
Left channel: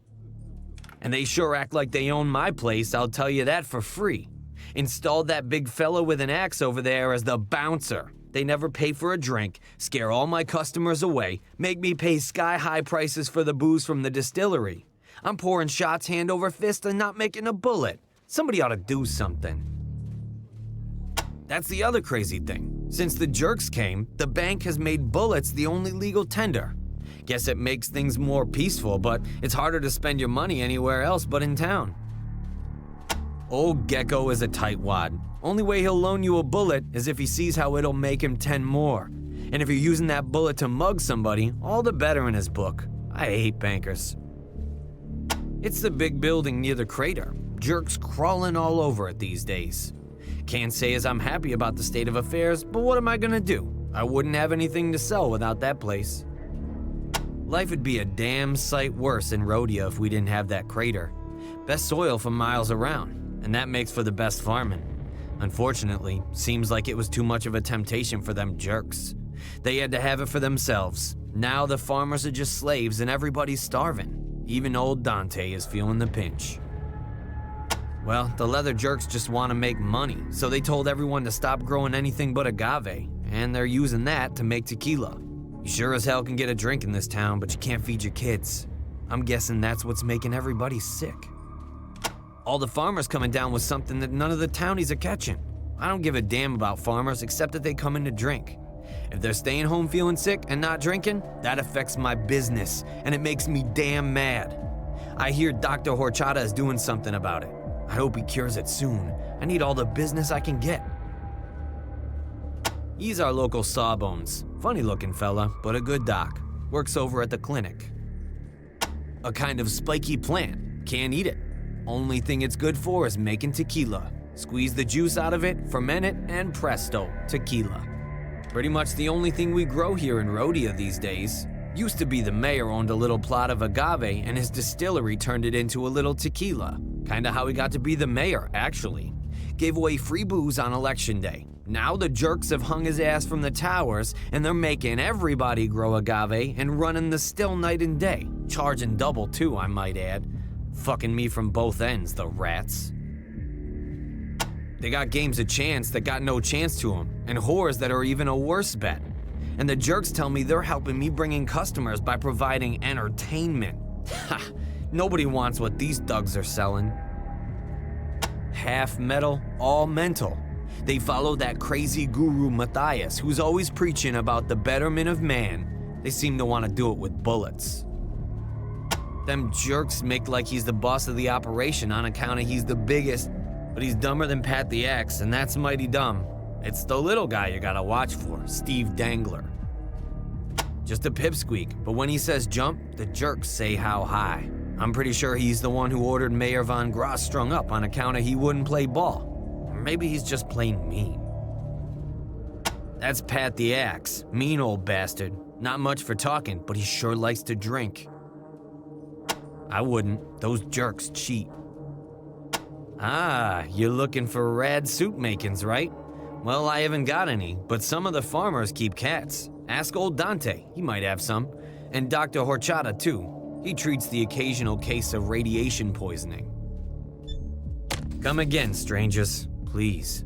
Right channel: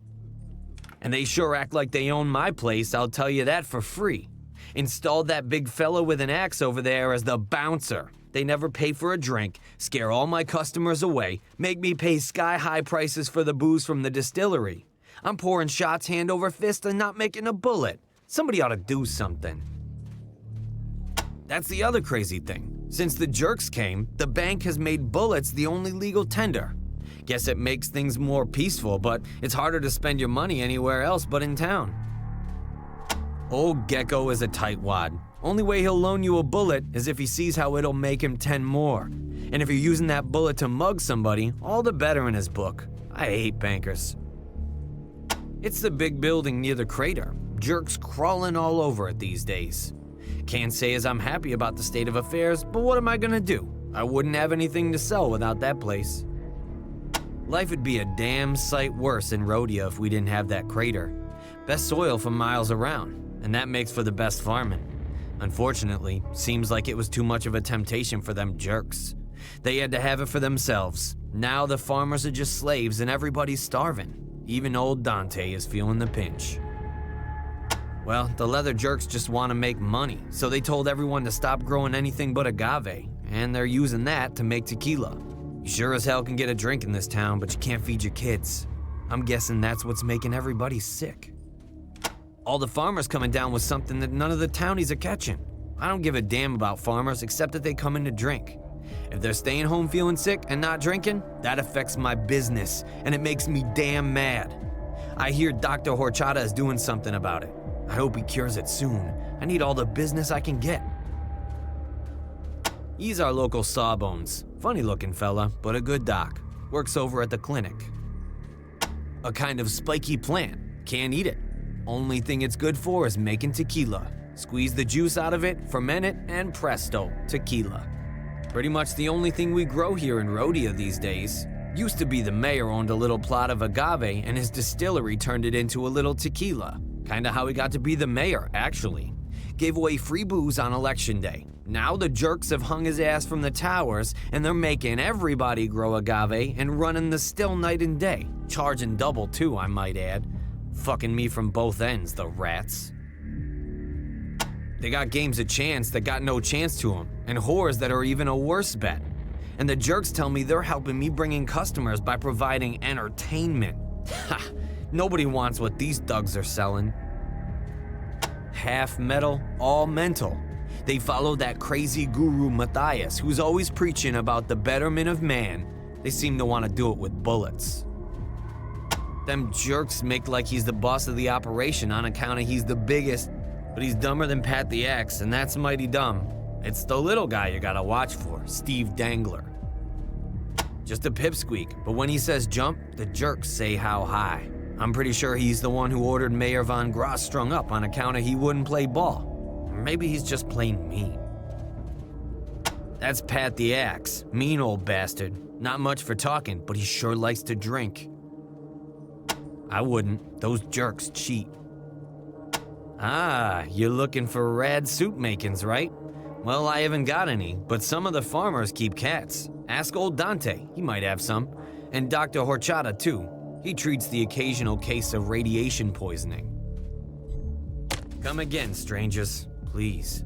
And they sure act like they own my place, I'll tell you that for free. Installed that big fella with an axe over there as the bouncer. They never pay for a drink, scare all my customers away, make me pay sky-high prices for the booze from the distillery. I'm pouring shots hand over fist and not making a bullet. Somebody ought to do something. That's the other crazy thing. Since the jerks came, the bank has made bullets the only legal tender. Guess it makes things more peaceful, but it's harder to spend your money anywhere else but in town. Old Gecko is a tightwad. Only way he'll loan you a bullet is if he sees how it'll make him 10 more. And if you're using that bullet to mug somebody, all the better in his book. I hate bankers. It's the big building near the crater. Jerks crawling all over it these days. Can't say as I'm happy about the state of affairs, but what am I gonna do? I wouldn't have anything to sell without that place. Life would be a damn sight worse in Rhodia if we didn't have that crater. Best soil for miles around, and that makes for the best farming. Unfortunately, seems like it was too much of a temptation for them jerks. They had to have it for themselves. Now the farmers are just slaves and everybody's starving. Even old Dante is feeling the pinch. Well, the leather jerks just want to make money, so they told everyone to stop growing anything but agave, and they're using that to make tequila. You sure as hell can get a drink in this town, but you can't feed your kids. I'm guessing that's what's making everybody sick. All the farmers coming down with something that none of the townies are catching. I don't give a damn about farmers except that they come in to drink. If they're staying home feeling sick and not drinking, that affects my business, and it makes me damn mad. I hear Dr. Horchata is doing something about it. I hope he cures it soon. I need all the business I can get. He's our local Sawbones. Funny looking fella, but a good doc. Works over at the clinic. A kind of spiky plant. Can't eat it. Only thing it's good for is making tequila. Squeeze the juice out of it, ferment it, and presto, tequila. Pretty much the only thing we grow here in Rhodia these days. Used to be the mayor owned a little plot of agave and his distillery turned it into a little tequila. Kinda how he got to be the mayor, actually. Gave away free booze on election day. Now the jerks have hung his ass from the towers and they're making everybody grow agave and running the still night and day. Charging double too, I might add. Fucking me from both ends, the rats. They got games of chance that got no chance to them, and whores that are even a worse bet. And the jerks tell me they're helping me bring in customers by providing entertainment. Ha! Nobody wants what these thugs are selling. Half metal, all mental. They follow that crazy guru Matthias, who's always preaching about the betterment of man. They seem to want to do it with bullets. Them jerks make like he's the boss of the operation on account of he's the biggest, but he's dumber than Pat the Axe, and that's mighty dumb. It's the little guy you gotta watch for, Steve Dangler. Just a pipsqueak, but when he says jump, the jerks say how high. I'm pretty sure he's the one who ordered Mayor Von Gross strung up on account of he wouldn't play ball. Or maybe he's just plain mean. That's Pat the Axe, mean old bastard. Not much for talking, but he sure likes to drink. I wouldn't, those jerks cheat. Ah, you're looking for rad suit makings, right? Well, I haven't got any, but some of the farmers keep cats. Ask old Dante, he might have some. And Dr. Horchata too. He treats the occasional case of radiation poisoning. Come again, strangers, please.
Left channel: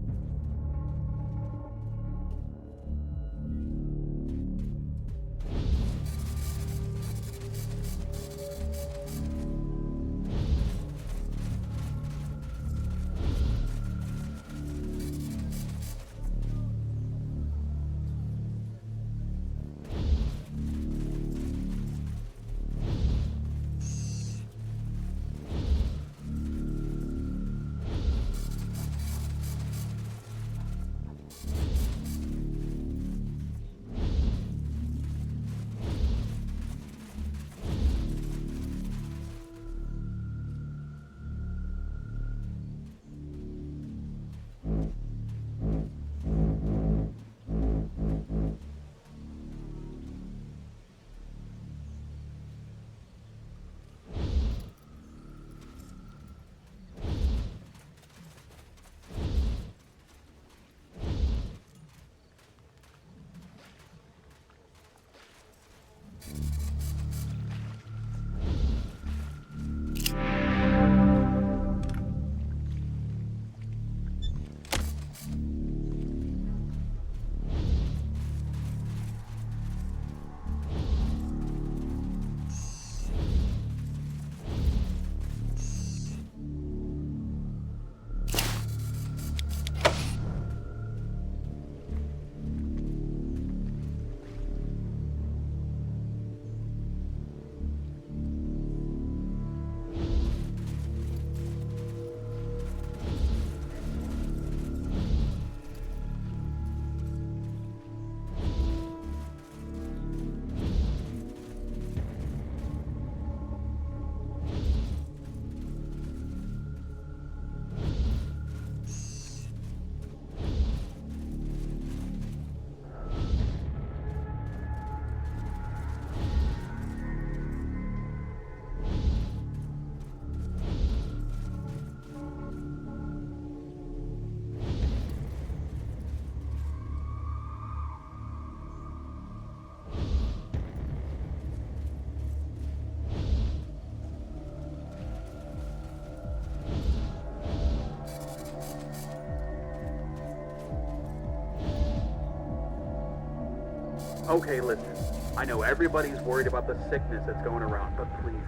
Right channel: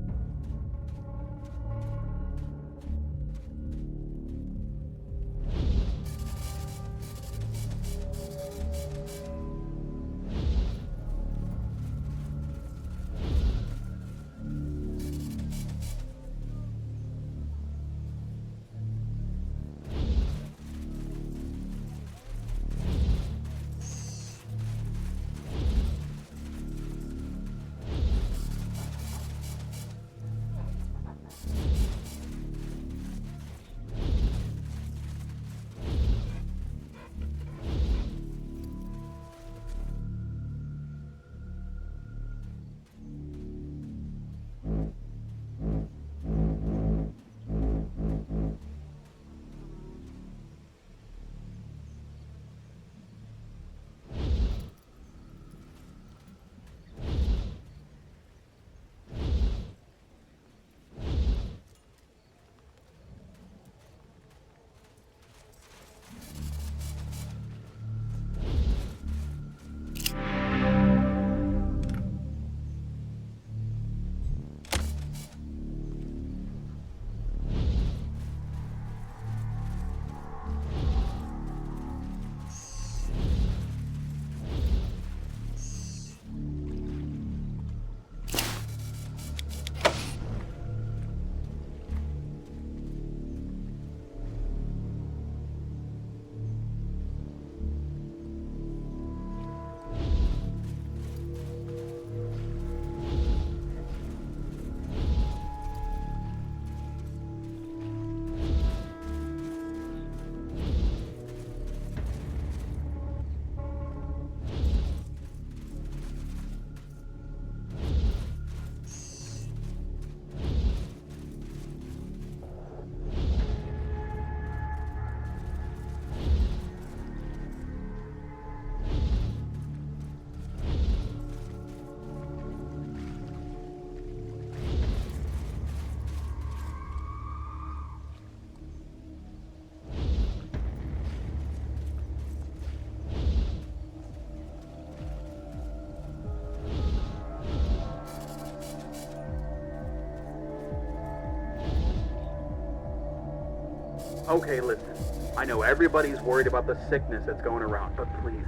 Okay, listen. I know everybody's worried about the sickness that's going around, but please,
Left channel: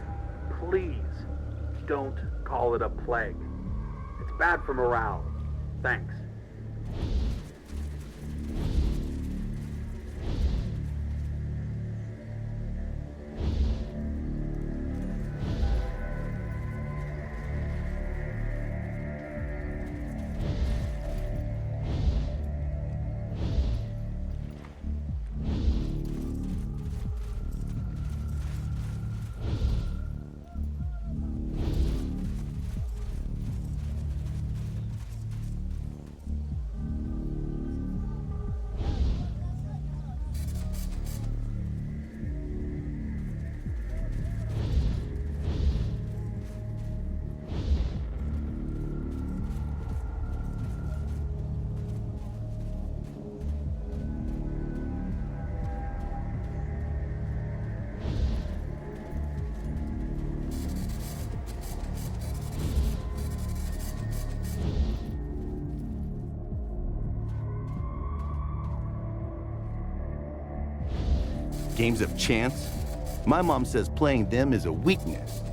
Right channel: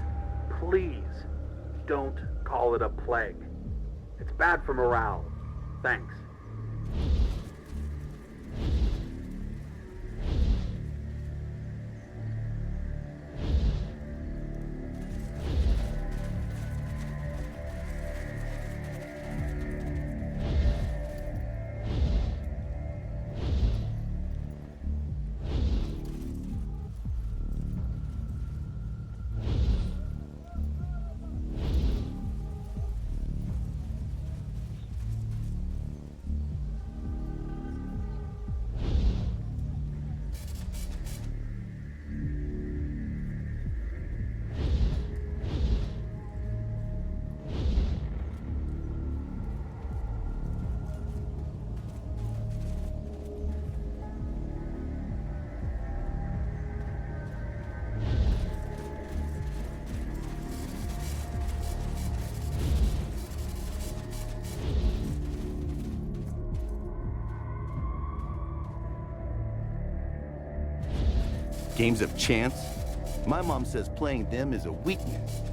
please, don't call it a plague. It's bad for morale. Thanks. Games of chance? My mom says playing them is a weakness.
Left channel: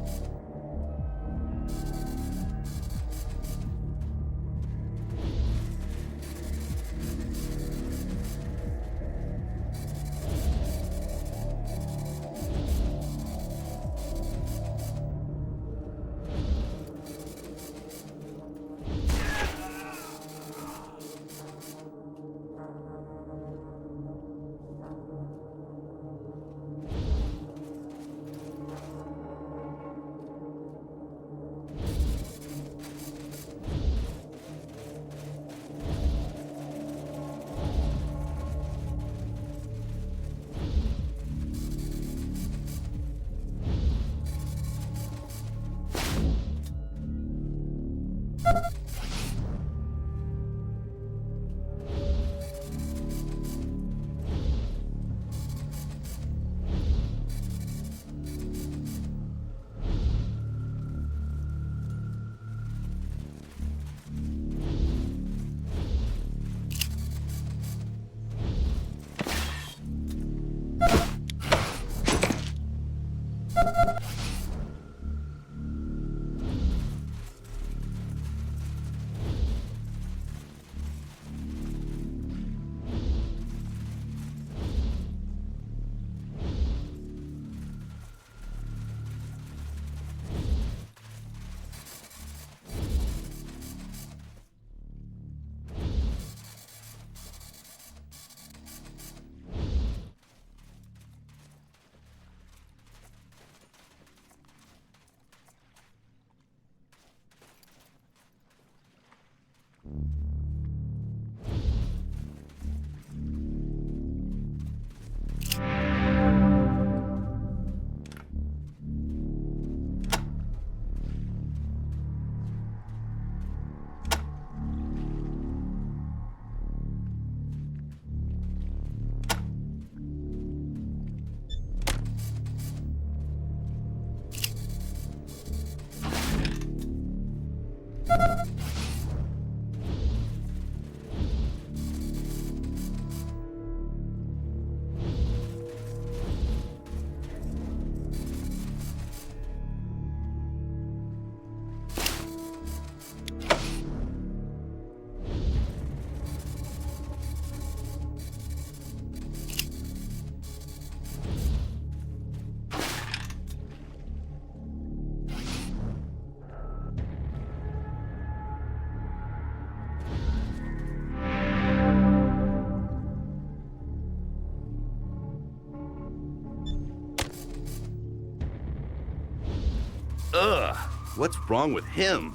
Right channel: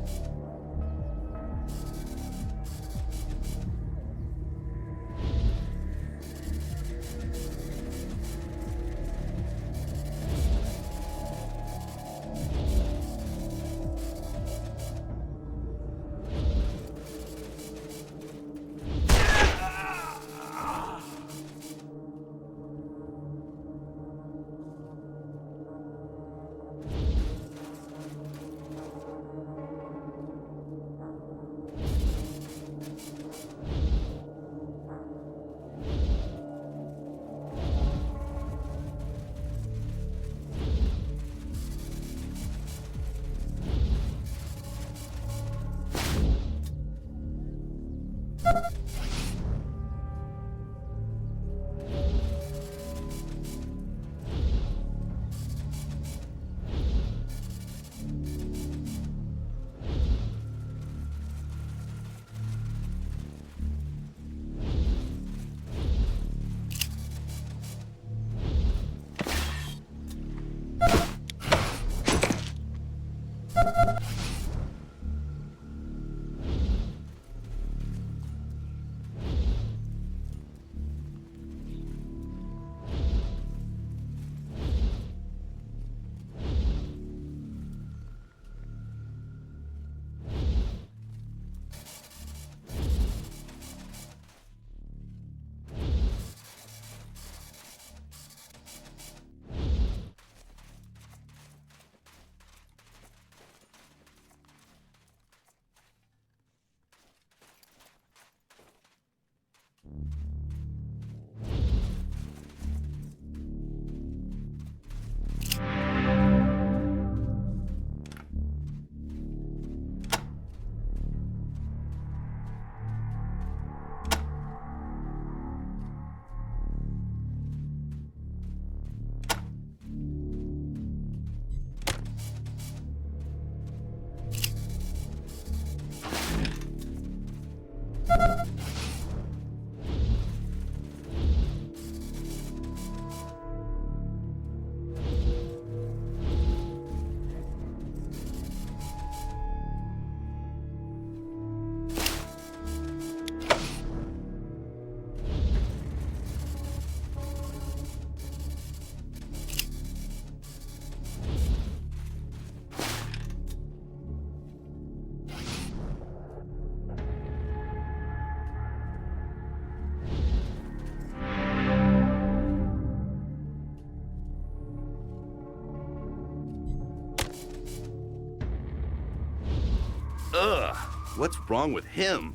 Ugh, what's wrong with him?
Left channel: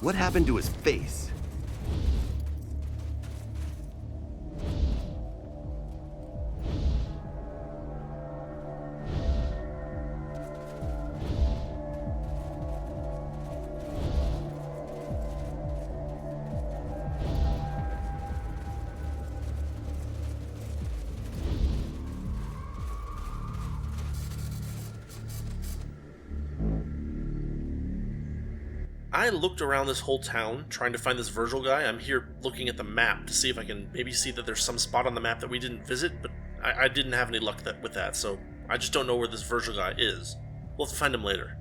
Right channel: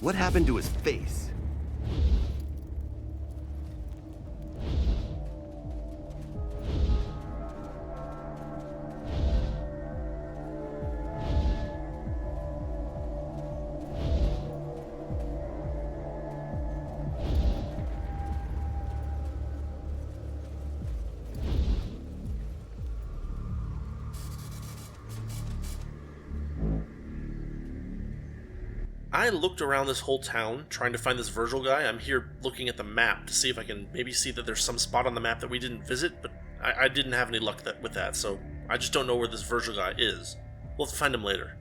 What happened to his face? I looked around this whole town trying to find this Virgil guy. I'm here looking at the map to see if I can maybe see that there's some spot on the map that we didn't visit, but I didn't have any luck with that, so I just don't know where this Virgil guy is. We'll have to find him later.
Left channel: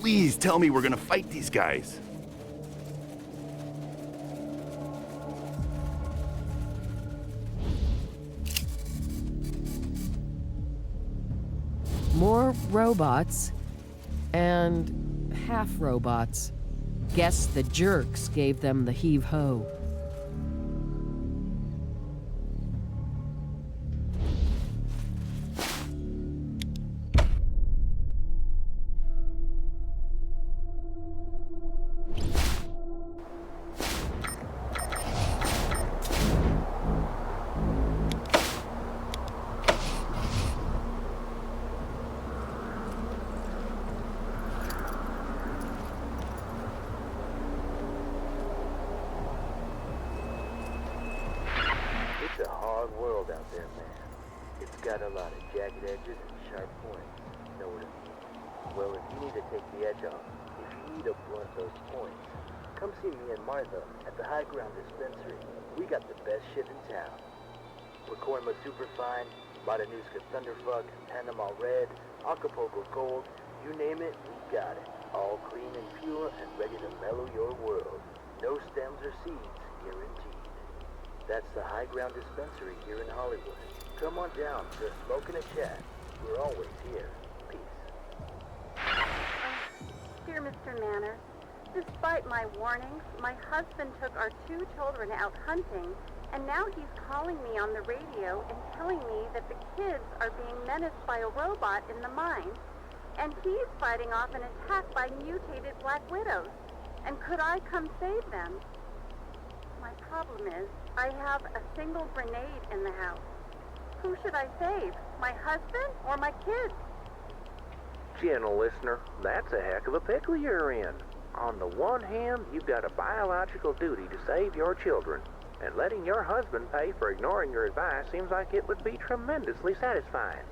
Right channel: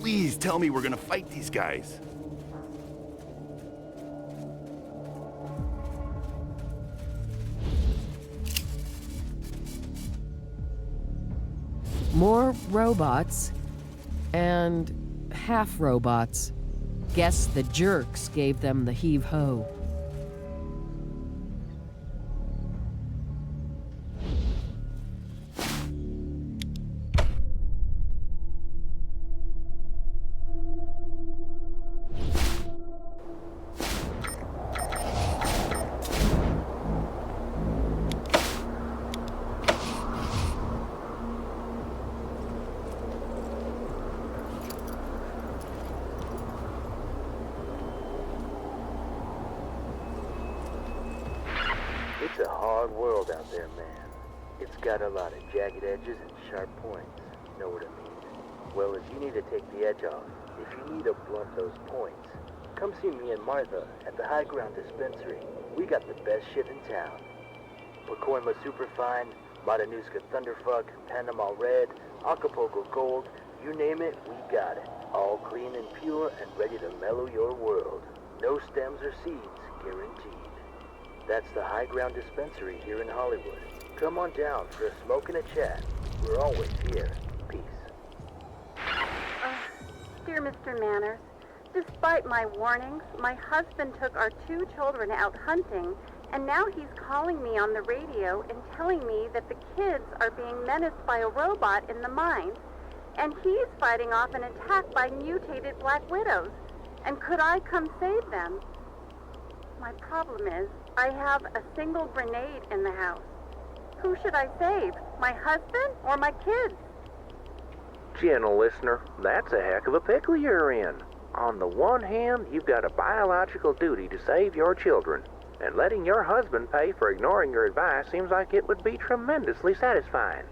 Please tell me we're gonna fight these guys. More robots and half robots. Guess the jerks gave them the heave-ho. It's a hard world out there, man. It's got a lot of jagged edges and sharp points. Know what I mean? Well, if you need to take the edge off, if you need to blunt those points, come see me and Martha at the High Ground Dispensary. We got the best shit in town. Pacoima Superfine, Matanuska Thunderfuck, Panama Red, Acapulco Gold, you name it, we got it. All clean and pure and ready to mellow your world. No stems or seeds, guaranteed. That's the High Ground Dispensary here in Hollywood. Come on down for a smoke and a chat. We're always here. Peace. Dear Mr. Manners, despite my warnings, my husband took our 2 children out hunting, and now he's calling me on the radio and telling me that the kids are being menaced by a robot in the mines, and he's fighting off an attack by mutated black widows. And could I come save them? My problem is, I have a single grenade in the house. Who should I save? My husband or my kids? Gentle listener, that's a heck of a pickle you're in. On the one hand, you've got a biological duty to save your children, and letting your husband pay for ignoring your advice seems like it would be tremendously satisfying.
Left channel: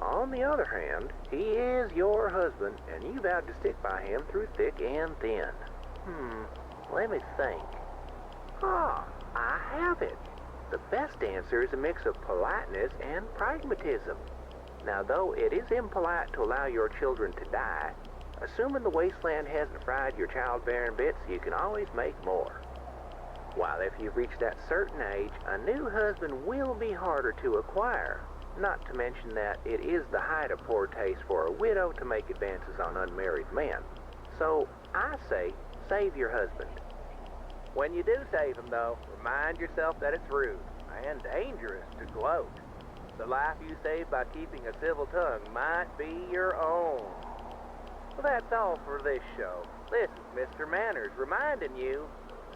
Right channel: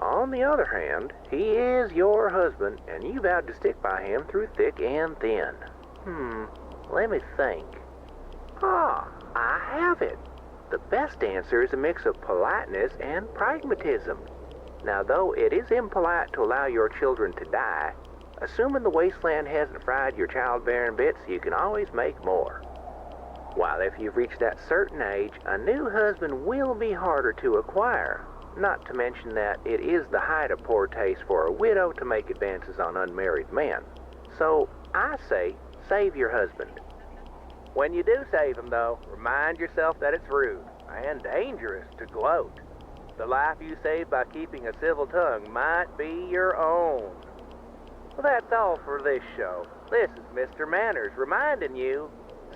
On the other hand, he is your husband, and you vowed to stick by him through thick and thin. Let me think. I have it. The best answer is a mix of politeness and pragmatism. Now, though it is impolite to allow your children to die, assuming the Wasteland hasn't fried your childbearing bits, you can always make more. While if you've reached that certain age, a new husband will be harder to acquire. Not to mention that it is the height of poor taste for a widow to make advances on unmarried men. So, I say, save your husband. When you do save him, though, remind yourself that it's rude and dangerous to gloat. The life you save by keeping a civil tongue might be your own. Well, that's all for this show. This is Mr. Manners reminding you,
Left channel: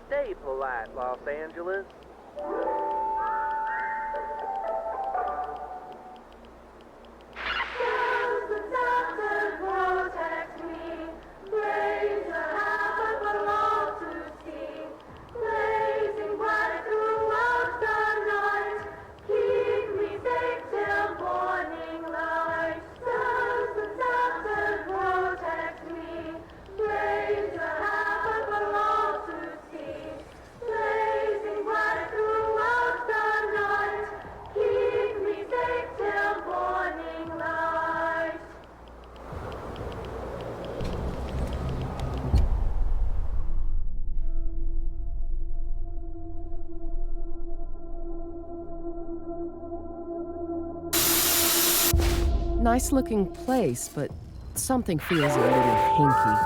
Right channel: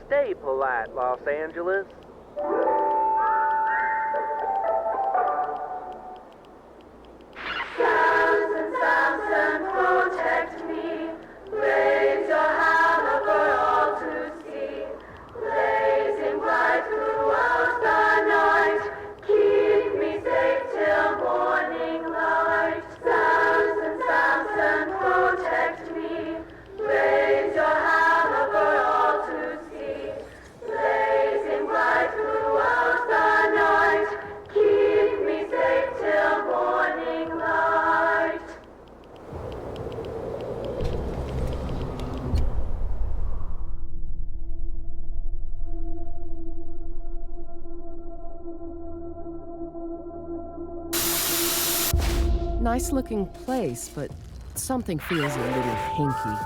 stay polite, Los Angeles. Protect me, blaze your hammer for all to see, blazing bright throughout the night, keep me safe till morning light. Samson, protect me, blaze your hammer for all to see, blazing bright throughout the night, keep me safe till morning light. Nice looking place, but something feels a little hinky.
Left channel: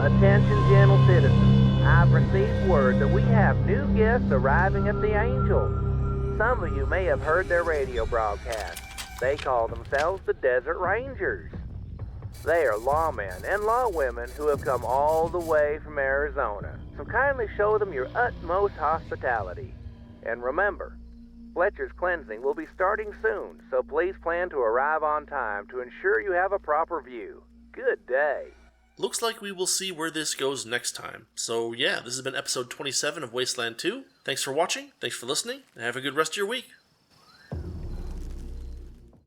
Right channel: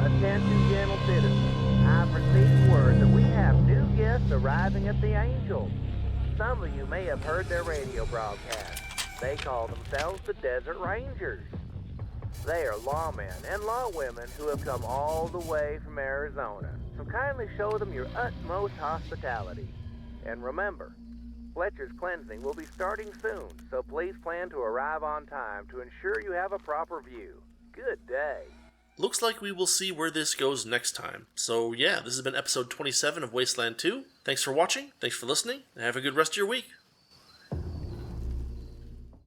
Attention, gentle citizens. I've received word that we have new guests arriving at the Angel. Some of you may have heard their radio broadcast. They call themselves the Desert Rangers. They are lawmen and lawwomen who have come all the way from Arizona. So kindly show them your utmost hospitality. And remember, Fletcher's cleansing will be starting soon, so please plan to arrive on time to ensure you have a proper view. Good day. Looks like we will see where this goes next time. So yeah, this has been episode 27 of Wasteland 2. Thanks for watching, thanks for listening, and have a good rest of your week.